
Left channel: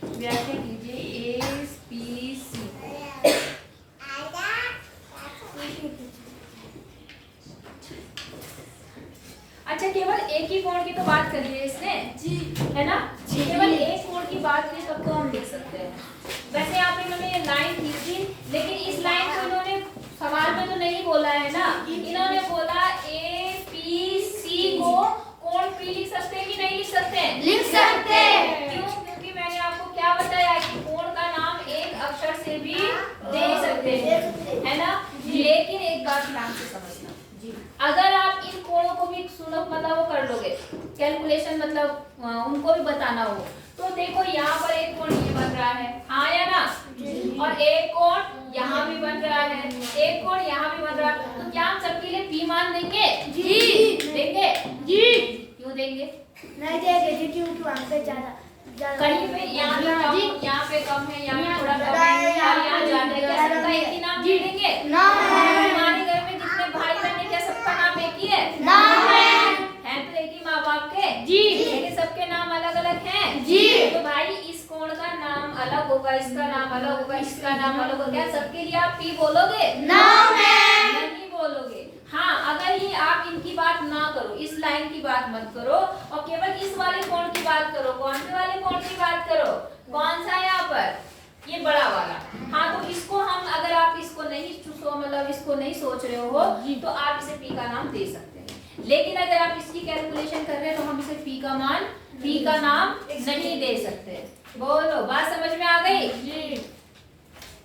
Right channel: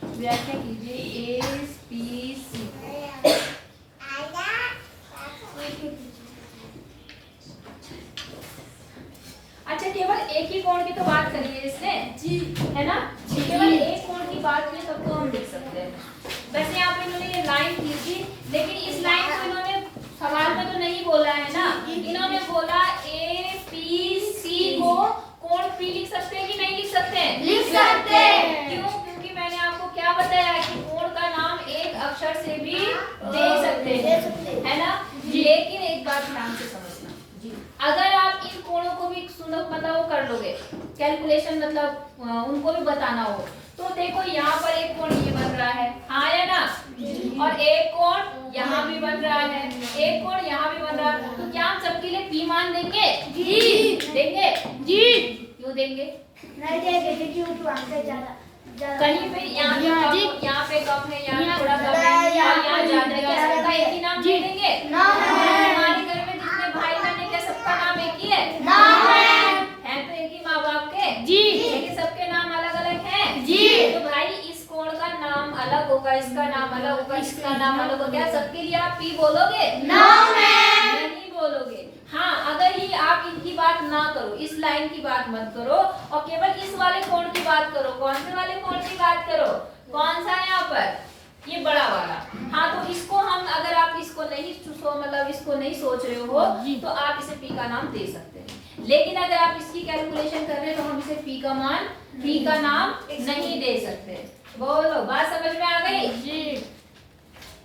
व्याख्या कीजिए ए पी सी। अच्छा केवल एक ही कोण की तो बात करी है इसने जी, है ना? केवल एक कोण की बात की तब तो हम देख सकते हैं। वैसे यहाँ पे इन्होंने ये लाइन की थी, लेकिन इस लाइन को इन्होंने सवाल में तो नहीं बोला है ना, इन्होंने बोला ए पी सी को कोण पी लिख सकते हैं कि नहीं लिख सकते हैं? लिख सकते हैं। क्यों? क्योंकि मैंने आपको क्या बताया कि कोण का नाम एक अक्षर से भी दे सकते हैं, है ना? लेकिन एक बात ध्यान से समझना, अगर आप इन कोणों को भी सुनो मतलब वो कर लोगे कैलकुलेशन, मतलब उनको भी बताना हो, तो देखो यहाँ पर एक कोण ये बन रहा है, हाँ या ना? और एक कोण यहाँ भी बन रहा है, एक कोण यहाँ भी बन रहा है, तो क्या हम सबके लिए पी मान देंगे? जी देंगे जी। क्यों देंगे? नहीं देंगे क्योंकि वहाँ पे ज्यादा कहीं पे यहाँ पे कम है, यहाँ थोड़ा कम है, और यहाँ ज्यादा है, क्या सबका एक ही नाम दे देंगे? हमारे घर में जितने भाई बहन है क्या सबका नाम एक ही है? है तो एक ही माँ बाप के जी, लेकिन सबके नाम अलग अलग हैं जी। तो भाई इस कोण का नाम अलग होगा, इसका नाम अलग होगा, इसका नाम अलग होगा, क्या सबके लिए आप पी बोलोगे? नहीं बोलोगे। हाँ अगर ये आप इनकी बात ना करो, इस लाइन की बात मत करो और केवल इस वाले कोण की बात करो, कौन से वाले कोण की बात करो? कौन सा है यहाँ पर? ये बड़ा वाला। हाँ तो इसको हम, अगर आप इसको नहीं मतलब इसको नहीं सोच रहे हो तो आप इसे पी का नाम दे सकते हैं, लेकिन अगर आप इसकी कैलकुलेशन कर रहे हैं तो हम इसे पी का मान, पी का नाम नहीं दे सकते। बोलो बात समझ में आ गई जी?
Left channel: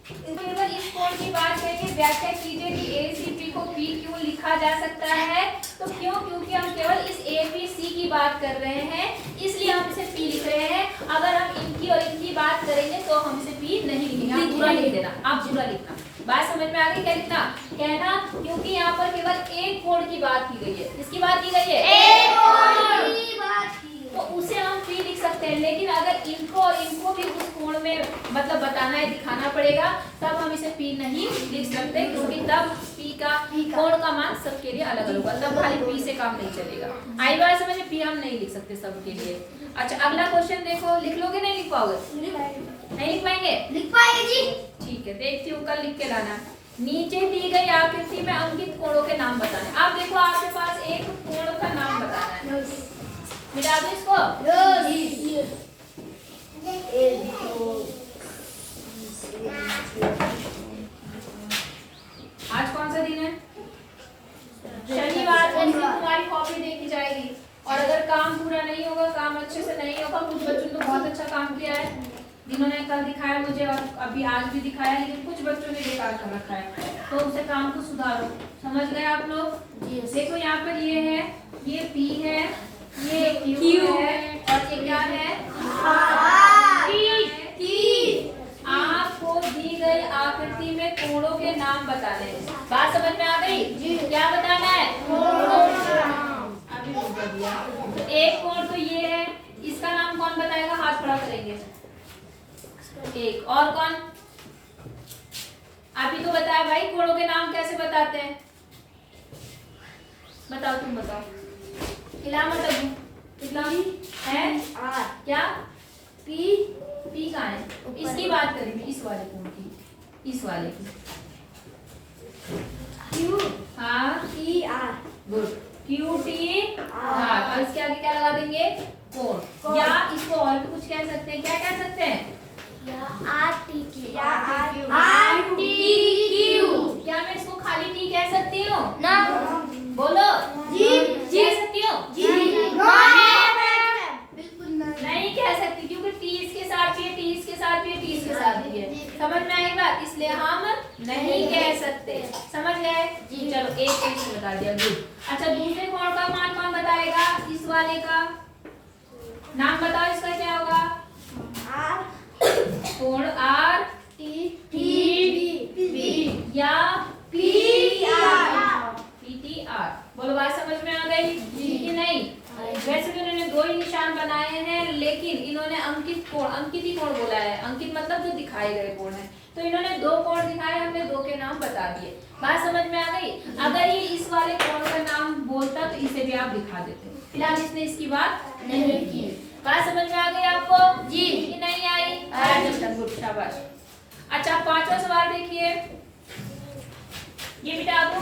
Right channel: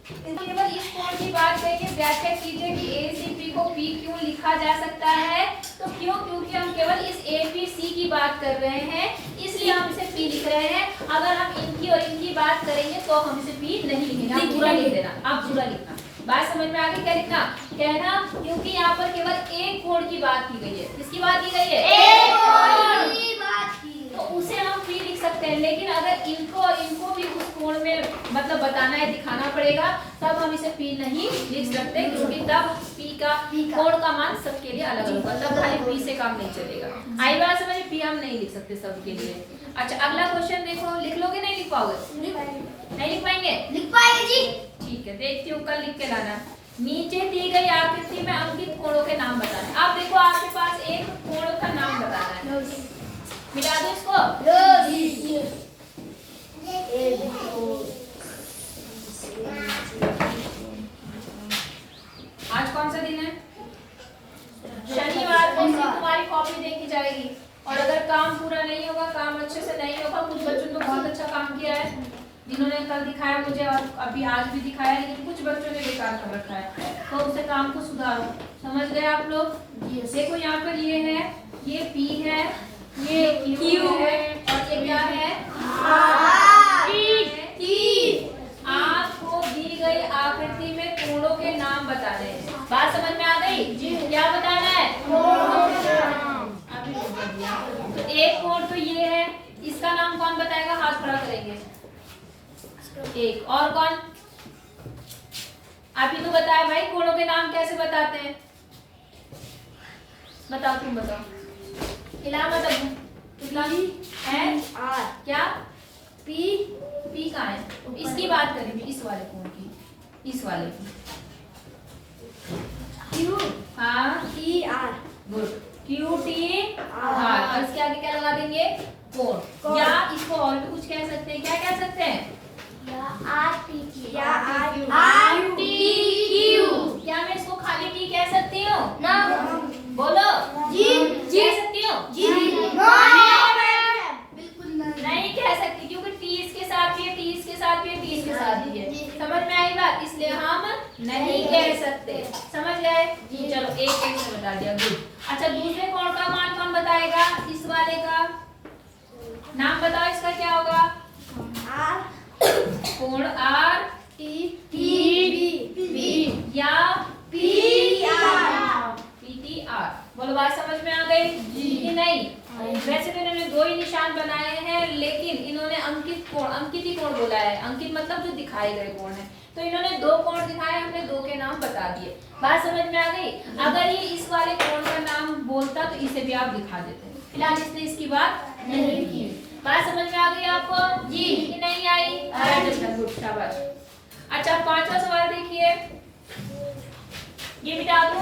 केवल इस कोण की बात करके व्याख्या कीजिए कि ए सी पी को पी क्यों लिखा जा सकता है? तो क्यों? क्योंकि हम केवल इस ए पी सी की बात कर रहे हैं, इसलिए हम इसे पी लिख रहे हैं। अगर हम इनकी और इनकी बात करेंगे तो हम इसे पी नहीं लिखेंगे, आप पूरा लिख देना, आप पूरा लिखना। बात समझ में आ गई? क्या लिखना? कहना क्योंकि यहाँ पर केवल एक कोण की बात की गई है। किसकी बात की गई है? एक कोण की बात की, तो उसे हम पी लिख सकते हैं, लेकिन अगर इनको और इनको भी उस कोण में मतलब बताना है, दिखाना पड़ेगा, तब हम इसे पी नहीं लिख सकते, क्योंकि तब पी का कोण का मान सबके लिए अलग अलग होगा, तब खाली पी से काम नहीं चलेगा। आई बात समझ? पी हम नहीं लिख सकते सबके लिए। अच्छा अगला क्वेश्चन देखो, लिख लोगे नहीं लिख पाओगे? नहीं लिख पाएंगे? लिख पाएंगे जी। ठीक है, देखती हूँ, कल लिख के लाना। नीचे दी गई आकृति में अंकित कोणों के नाम बताने। आप देखो आपके पास एक कोण का नाम बताना है, मिला दो इसको। आज कौन सा दिन है? शनिवार को तुम्हारी कॉपी देखी जाएगी, और अगर काम पूरा नहीं होगा, काम अच्छे से नहीं होगा, कुछ बच्चों ने बहुत अच्छा काम किया है, जिन्होंने कल दिखाया मुझे और अभी आज भी दिखाया, लेकिन कुछ बच्चों ने बेकार कर रखा है, तो उसे काम को सुधारो। समझ गए आप लोग? देखो यहाँ पर ये है, ये पी है, ये क्यू है, और ये क्या है? आपको दी गई आकृति में कोणों के नाम बताने हैं। बात समझ में आ गई? क्या बताना है? अभी तो एक कोण तो ये है, इसका नाम कौन बताएगा? हाथ खड़ा करेंगे। एक और कौन? अभी तो बताया भाई, कोणों के नाम कैसे बताते हैं? बताओ, तुम बताओ। हिला मत है क्या? पी कहाँ है? इसकी बात करेंगे, इस वाले कोण की, इस वाले की। क्यू, हाँ T R, good, Q T R, और इसके आगे क्या लगा देंगे? कोण। या इसको और भी कुछ कह सकते हैं, क्या कह सकते हैं? आर टी क्या मैं इसको खाली टी कह सकती हूँ? ना। साथ भी है, टी इसके साथ भी है। समझ में आई बात? इसलिए हम नहीं कह सकते। समझ गए? चलो एक एक से बता दिया, गुड। अच्छा दूसरे कोण का मान कौन बताएगा? इस वाले का नाम बताओ, इसका क्या होगा? कोण आर या PTR। बोलो बात समझ में आ गई कि नहीं? वैसे तो इन्होंने दो ही निशान बनाए हैं, लेकिन इन्होंने अंकित कोण, अंकित ही कोण बोला है। अंकित मतलब जो दिखाए गए कोण है। तो इन्होंने दो कोण दिखाए, हमने दो के नाम बता दिए। बात समझ में आ गई? अगर ये इस वाले कोण का नाम बोलता तो इसे भी आप दिखा देते। फिलहाल इसने इसकी बात नहीं की। बात समझ में आ गई आपको? जी कि नहीं आई? गुड, शाबाश। अच्छा पांचवा सवाल देखिए, ये मिटा दूं।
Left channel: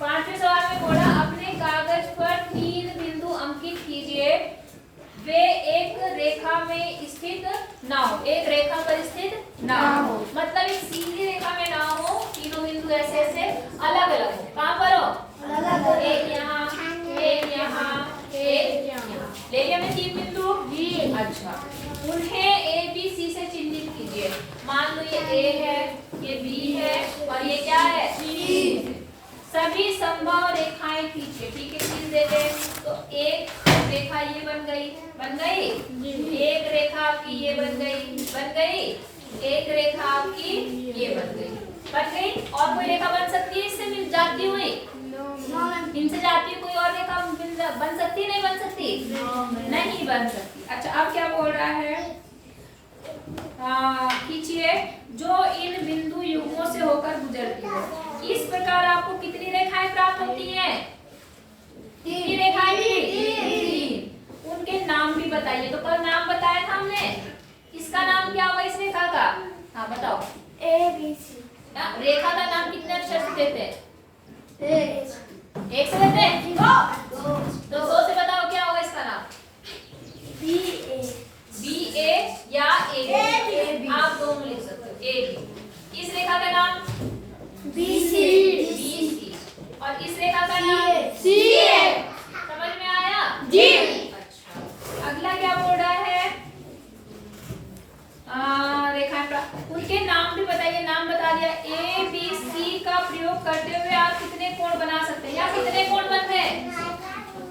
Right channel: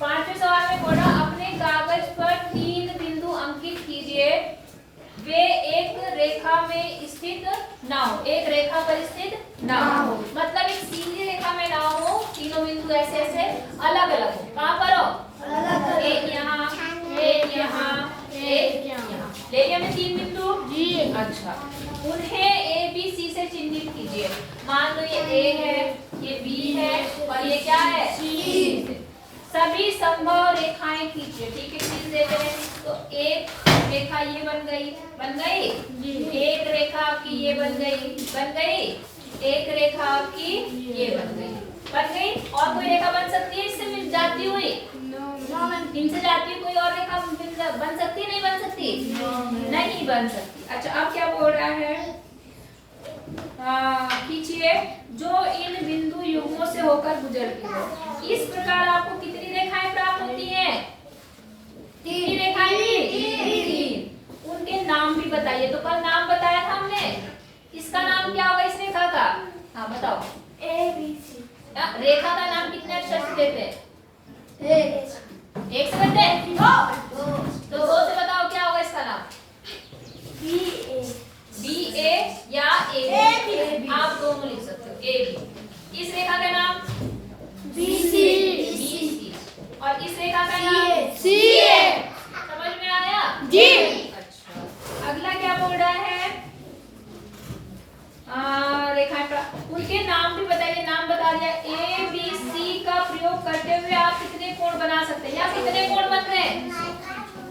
पांचवें सवाल में बोला अपने कागज पर 3 बिंदु अंकित कीजिए, वे एक रेखा में स्थित ना हो। एक रेखा पर स्थित ना हो मतलब एक सीधी रेखा में ना हो, तीनों बिंदु ऐसे ऐसे अलग अलग हो। कहां पर हो? एक यहाँ, एक यहाँ, एक यहाँ। ले लिया हमने 3 बिंदु? जी। अच्छा उन्हें A B C से चिन्हित कीजिए। मान लो ये A है, ये B है और ये क्या है? C। सभी संभव रेखाएं खींचिए। ठीक है, खींच देते हैं। तो एक रेखा ये बन गई, बन गई। एक रेखा आपकी ये बन गई, बन गई। एक रेखा आपकी ये बन गई, बन गई। और कोई रेखा बन सकती है इससे मिल जाती हुई? इनसे जाती हुई कोई और रेखा बन सकती है? नहीं बन सकती? नहीं बन सकती। अच्छा अब क्या बोल रहा है? खींचिए जो इन बिंदु युग्मों से होकर गुजरती है। इस प्रकार आपको कितनी रेखाएं प्राप्त होती हैं? 3 रेखाएं। 3। उनके नाम भी बताइए। तो कल नाम बताया था हमने, इसका नाम क्या होगा इस रेखा का? हाँ बताओ। ABC। रेखा का नाम कितने अक्षर से देते हैं? एक से देते हैं? दो से बताओ क्या होगा इसका नाम? BA या AB। आप दोनों लिख सकते हो, AB। इस रेखा का नाम BC। और इस रेखा का नाम CA। समझ में आया? जी। अच्छा अगला क्या बोल रहा है? रेखा उनके नाम भी बताइए। नाम बता दिया। ABC का प्रयोग करते हुए आप कितने कोण बना सकते हैं? या कितने कोण बनते हैं?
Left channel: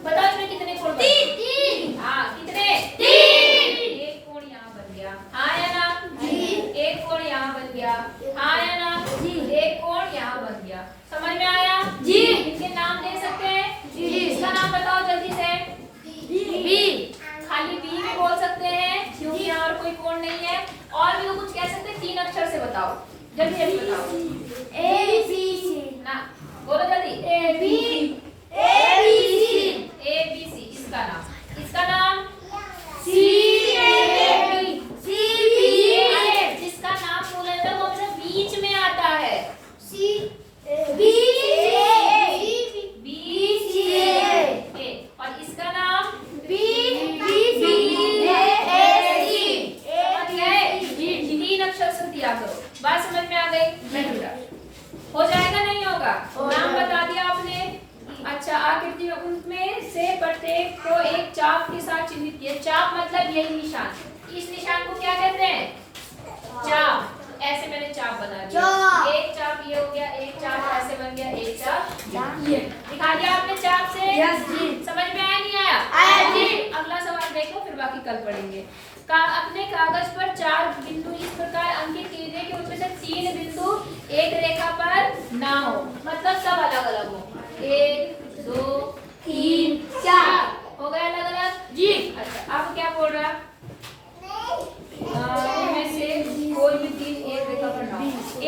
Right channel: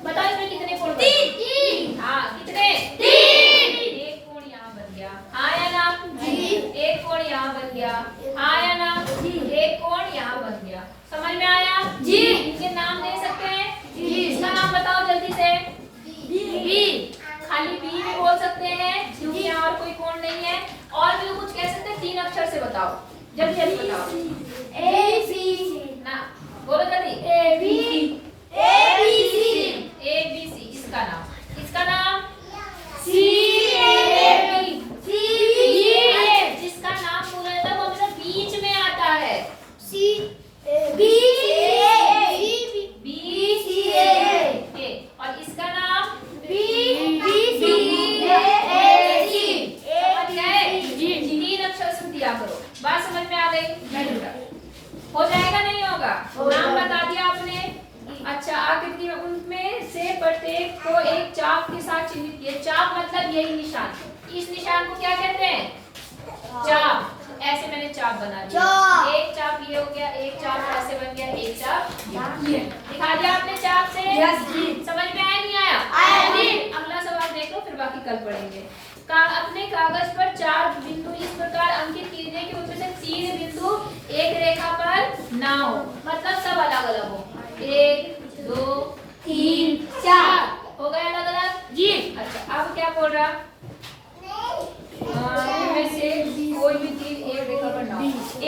बताओ इसमें कितने कोण? 3। हाँ कितने? 3। एक कोण यहाँ बन गया, हाँ या ना? जी। एक कोण यहाँ बन गया, हाँ या ना? जी। एक कोण यहाँ बन गया। समझ में आया? जी। इनके नाम दे सकते हैं? जी। इसका नाम बताओ जल्दी से। B। खाली B भी बोल सकते हैं क्योंकि यहाँ और कोई कोण नहीं है। और भी कुछ कह सकते हैं? 3 अक्षर से बताओ, जल्दी जल्दी बताओ। ABC। ना बोलो जल्दी। ABC। इसका नाम, इसका नाम CAB। जिसका नाम बोला जाता है वो हमेशा बीच में आता है। और इसका नाम BBC। 3 अक्षर से दिया करो। बात समझ में आ गई? हो जाएगा नहीं होगा? नाम बता दिया आपने। अच्छा आकृति में उनमें से प्रत्येक को एक चाप के साथ चिन्हित किया। चाप मतलब यही निशान। इस निशान को क्या कहते हैं? चाप। ऐसे मैंने चाप बना दिया। एक चाप ये हो गया, एक चाप ऐसे बन गया, एक चाप ये दिखा दिया आपने चाप से। समझ में आया नहीं आया? अगला सवाल देखो, फिर बाकी कल पढ़ेंगे। अपने कागज पर 4 बिंदु इस प्रकार अंकित कीजिए कि उनमें से 3 बिंदु एक रेखा पर ना हो, मतलब सब अलग अलग हो। 1 2 3 4 हो गए अलग अलग? जी। अच्छा अब क्या बोल रहा? इनमें से कोई भी 3 एक रेखा पर ना हो।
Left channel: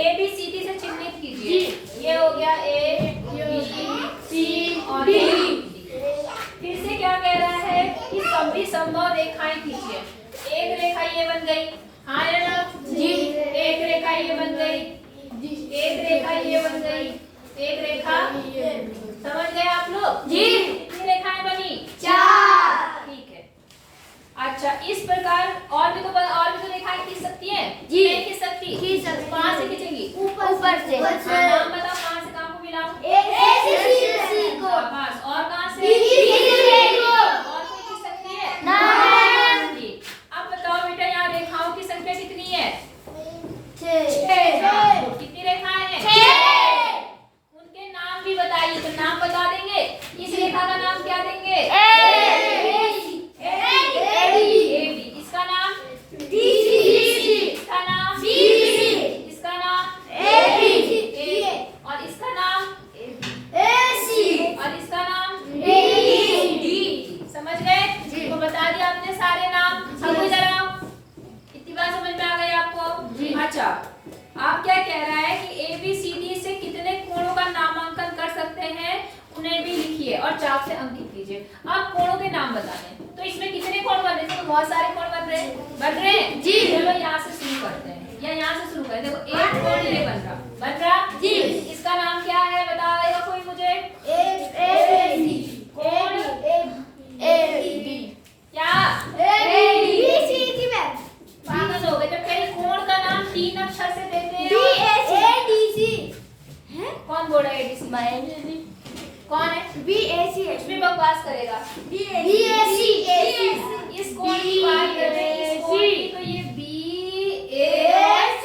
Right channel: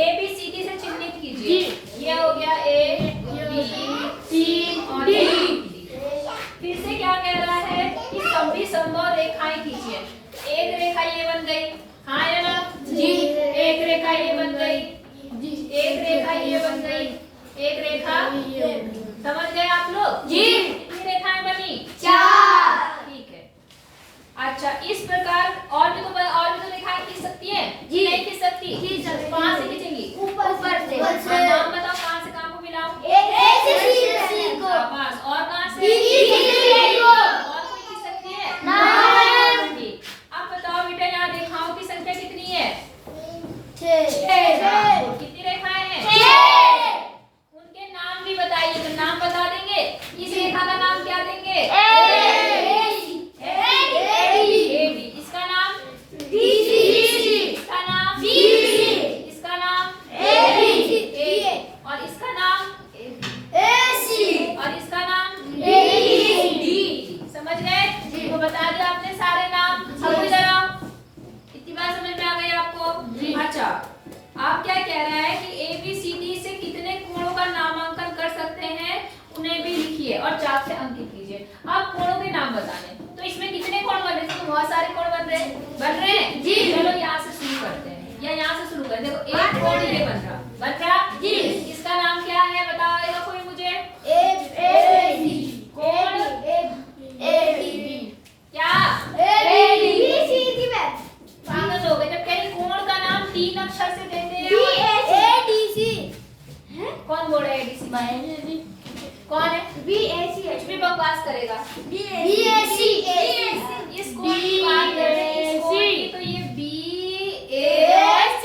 ABCD से चिन्हित कीजिए। ये हो गया A B C और D। फिर से क्या कह रहा है कि सभी संभव रेखाएं खींचिए। एक रेखा ये बन गई, हाँ या ना? जी। एक रेखा ये बन गई, एक रेखा ये बन गई, एक रेखा। समझ गए आप लोग? जी। कितनी रेखाएं बनी? 4। ठीक है। अच्छा इस प्रकार और भी तो रेखाएं खींच सकती हैं? जी। नहीं खींच सकती? कहाँ से खींचेंगी? ऊपर से। नाम बताओ कहाँ से कहाँ को मिलाओ? A से C को। और कहाँ से? B से C को। और कोई उन्हें भी लिखिए और चाक से अंकित कीजिए। अब कोणों के नाम बताने, तो इसमें कितने कोण बन रहे हैं? बहुत सारे कोण बन रहे हैं जी। चलो यहाँ से शुरू करते हैं या यहाँ से शुरू करें। देखो एक कोण ये बन रहा जी। इसका नाम क्या है बताएगा कोई मुझे? कोण क्या? पागल हो गए जब कहीं कोण का नाम 3 अक्षर से देते हैं। कौन बोल रहा है एडीसी? कौन है? इसमें बकवास करेगा। इस कोण की बात कर रहे हैं, इस कोण की, तो ये BAC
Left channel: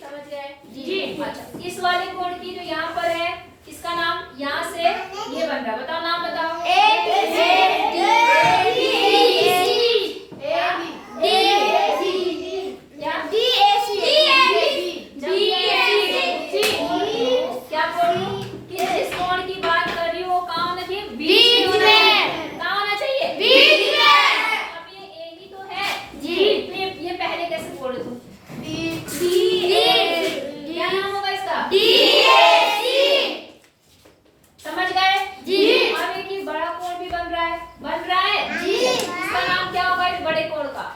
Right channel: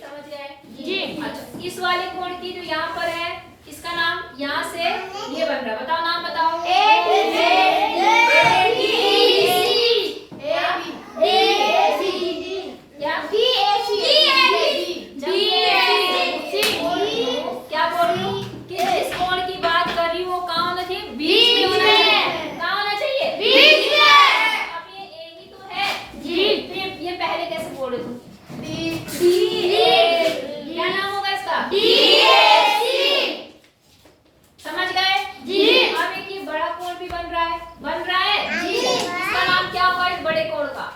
समझ गए जी। अच्छा इस वाले कोण की जो यहाँ पर है इसका नाम यहाँ से ये बन रहा है, बताओ नाम बताओ। क्या बोल रही हूँ कि इस कोण की बात कर रही हूँ, कहाँ होना चाहिए? बीच में। कहाँ होना चाहिए? बीच में। अब ये ए ही तो है जी। ये पहले कैसे बोल रहे तुम? क्या नाम होगा इसका? समझ गए जी। अब एक ये बड़ा कोण भी बन रहा है जी। इसका नाम क्या होगा इस बड़े कोण का?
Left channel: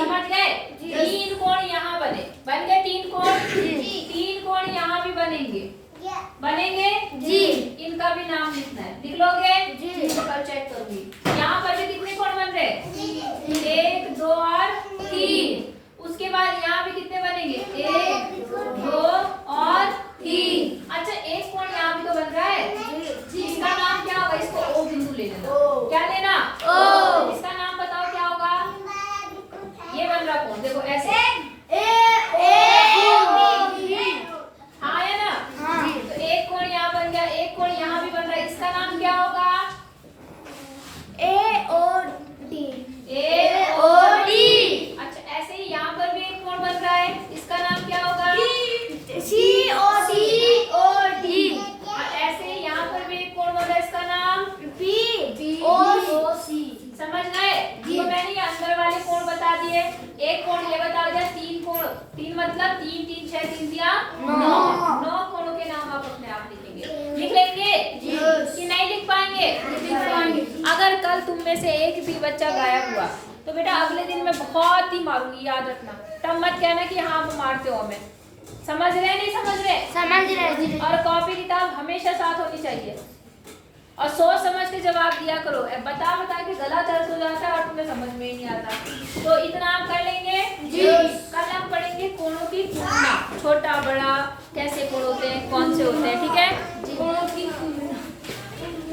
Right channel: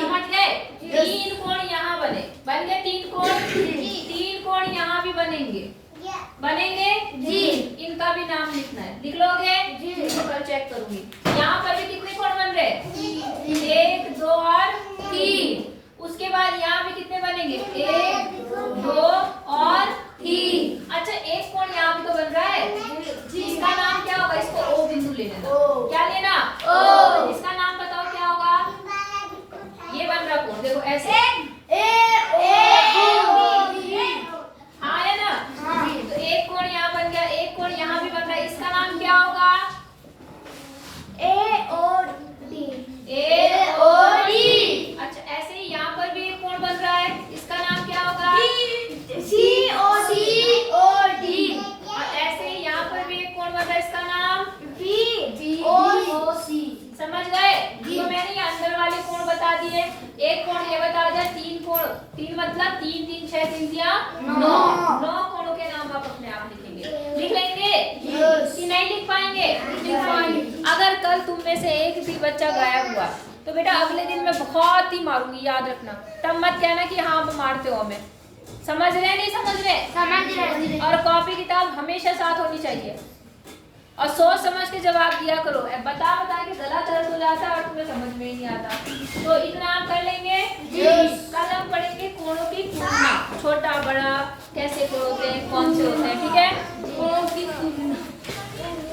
समझ गए? 3 कोण यहाँ बन गए 3 कोण। 3 कोण यहाँ भी बनेंगे जी। इनका भी नाम लिखना है, लिख लोगे जी? तो कल चेक करूंगी। यहाँ पर भी कितने कोण बन रहे? 1 2 और 3। उसके बाद यहाँ पे कितने बनेंगे? 1 2 और 3। अच्छा एक कोण यहाँ भी तो बन रहा है जी। इसका नाम क्या होगा? इसको O बिंदु ले लेना। क्या लेना? O। इसका नाम बताओ क्या होगा? ये बन रहा कोण देखो ऐसे हाँ है ना? तो एक कोण यहाँ बन गया, एक कोण यहाँ भी बन रहा है, इसका नाम क्या होगा? AOD। अच्छा ऐसे ही यहाँ पर भी एक कोण बन रहा है, इसका नाम क्या होगा? COD। और ऐसे ही यहाँ पर भी एक कोण बन रहा है, इसका नाम BOC। समझ गए? तो मैंने ये अंदर वाले कोण बता दिए। एक कोण ये बता दिया, 3 कोण, 3 मतलब 3 3 6 3 दिया 9 कोणों के नाम आप अपने आप लिखेंगे। लिख लेंगे कि नहीं लिख पाएंगे? अगर कल तुम में से एक भी बच्चा गायब हुआ तो बेटा अगले दिन मैं बहुत ही मारूंगी, याद रखना। तब मत कहना कि हाँ आप मारते हो हमें। समझ रहे नहीं समझ रहे? और कॉपी किताब हमेशा साथ होनी चाहिए और सोच समझ के जवाब दिया करो। बता के गला दर्द हो जाता है और तुम्हें समझ में ही नहीं आता। तो इतना आप कर लेंगे जी। कल हम पढ़ेंगे कोणों की तुलना, छोटा बड़ा कैसे कोण होते हैं, कौन से होते हैं, ठीक है?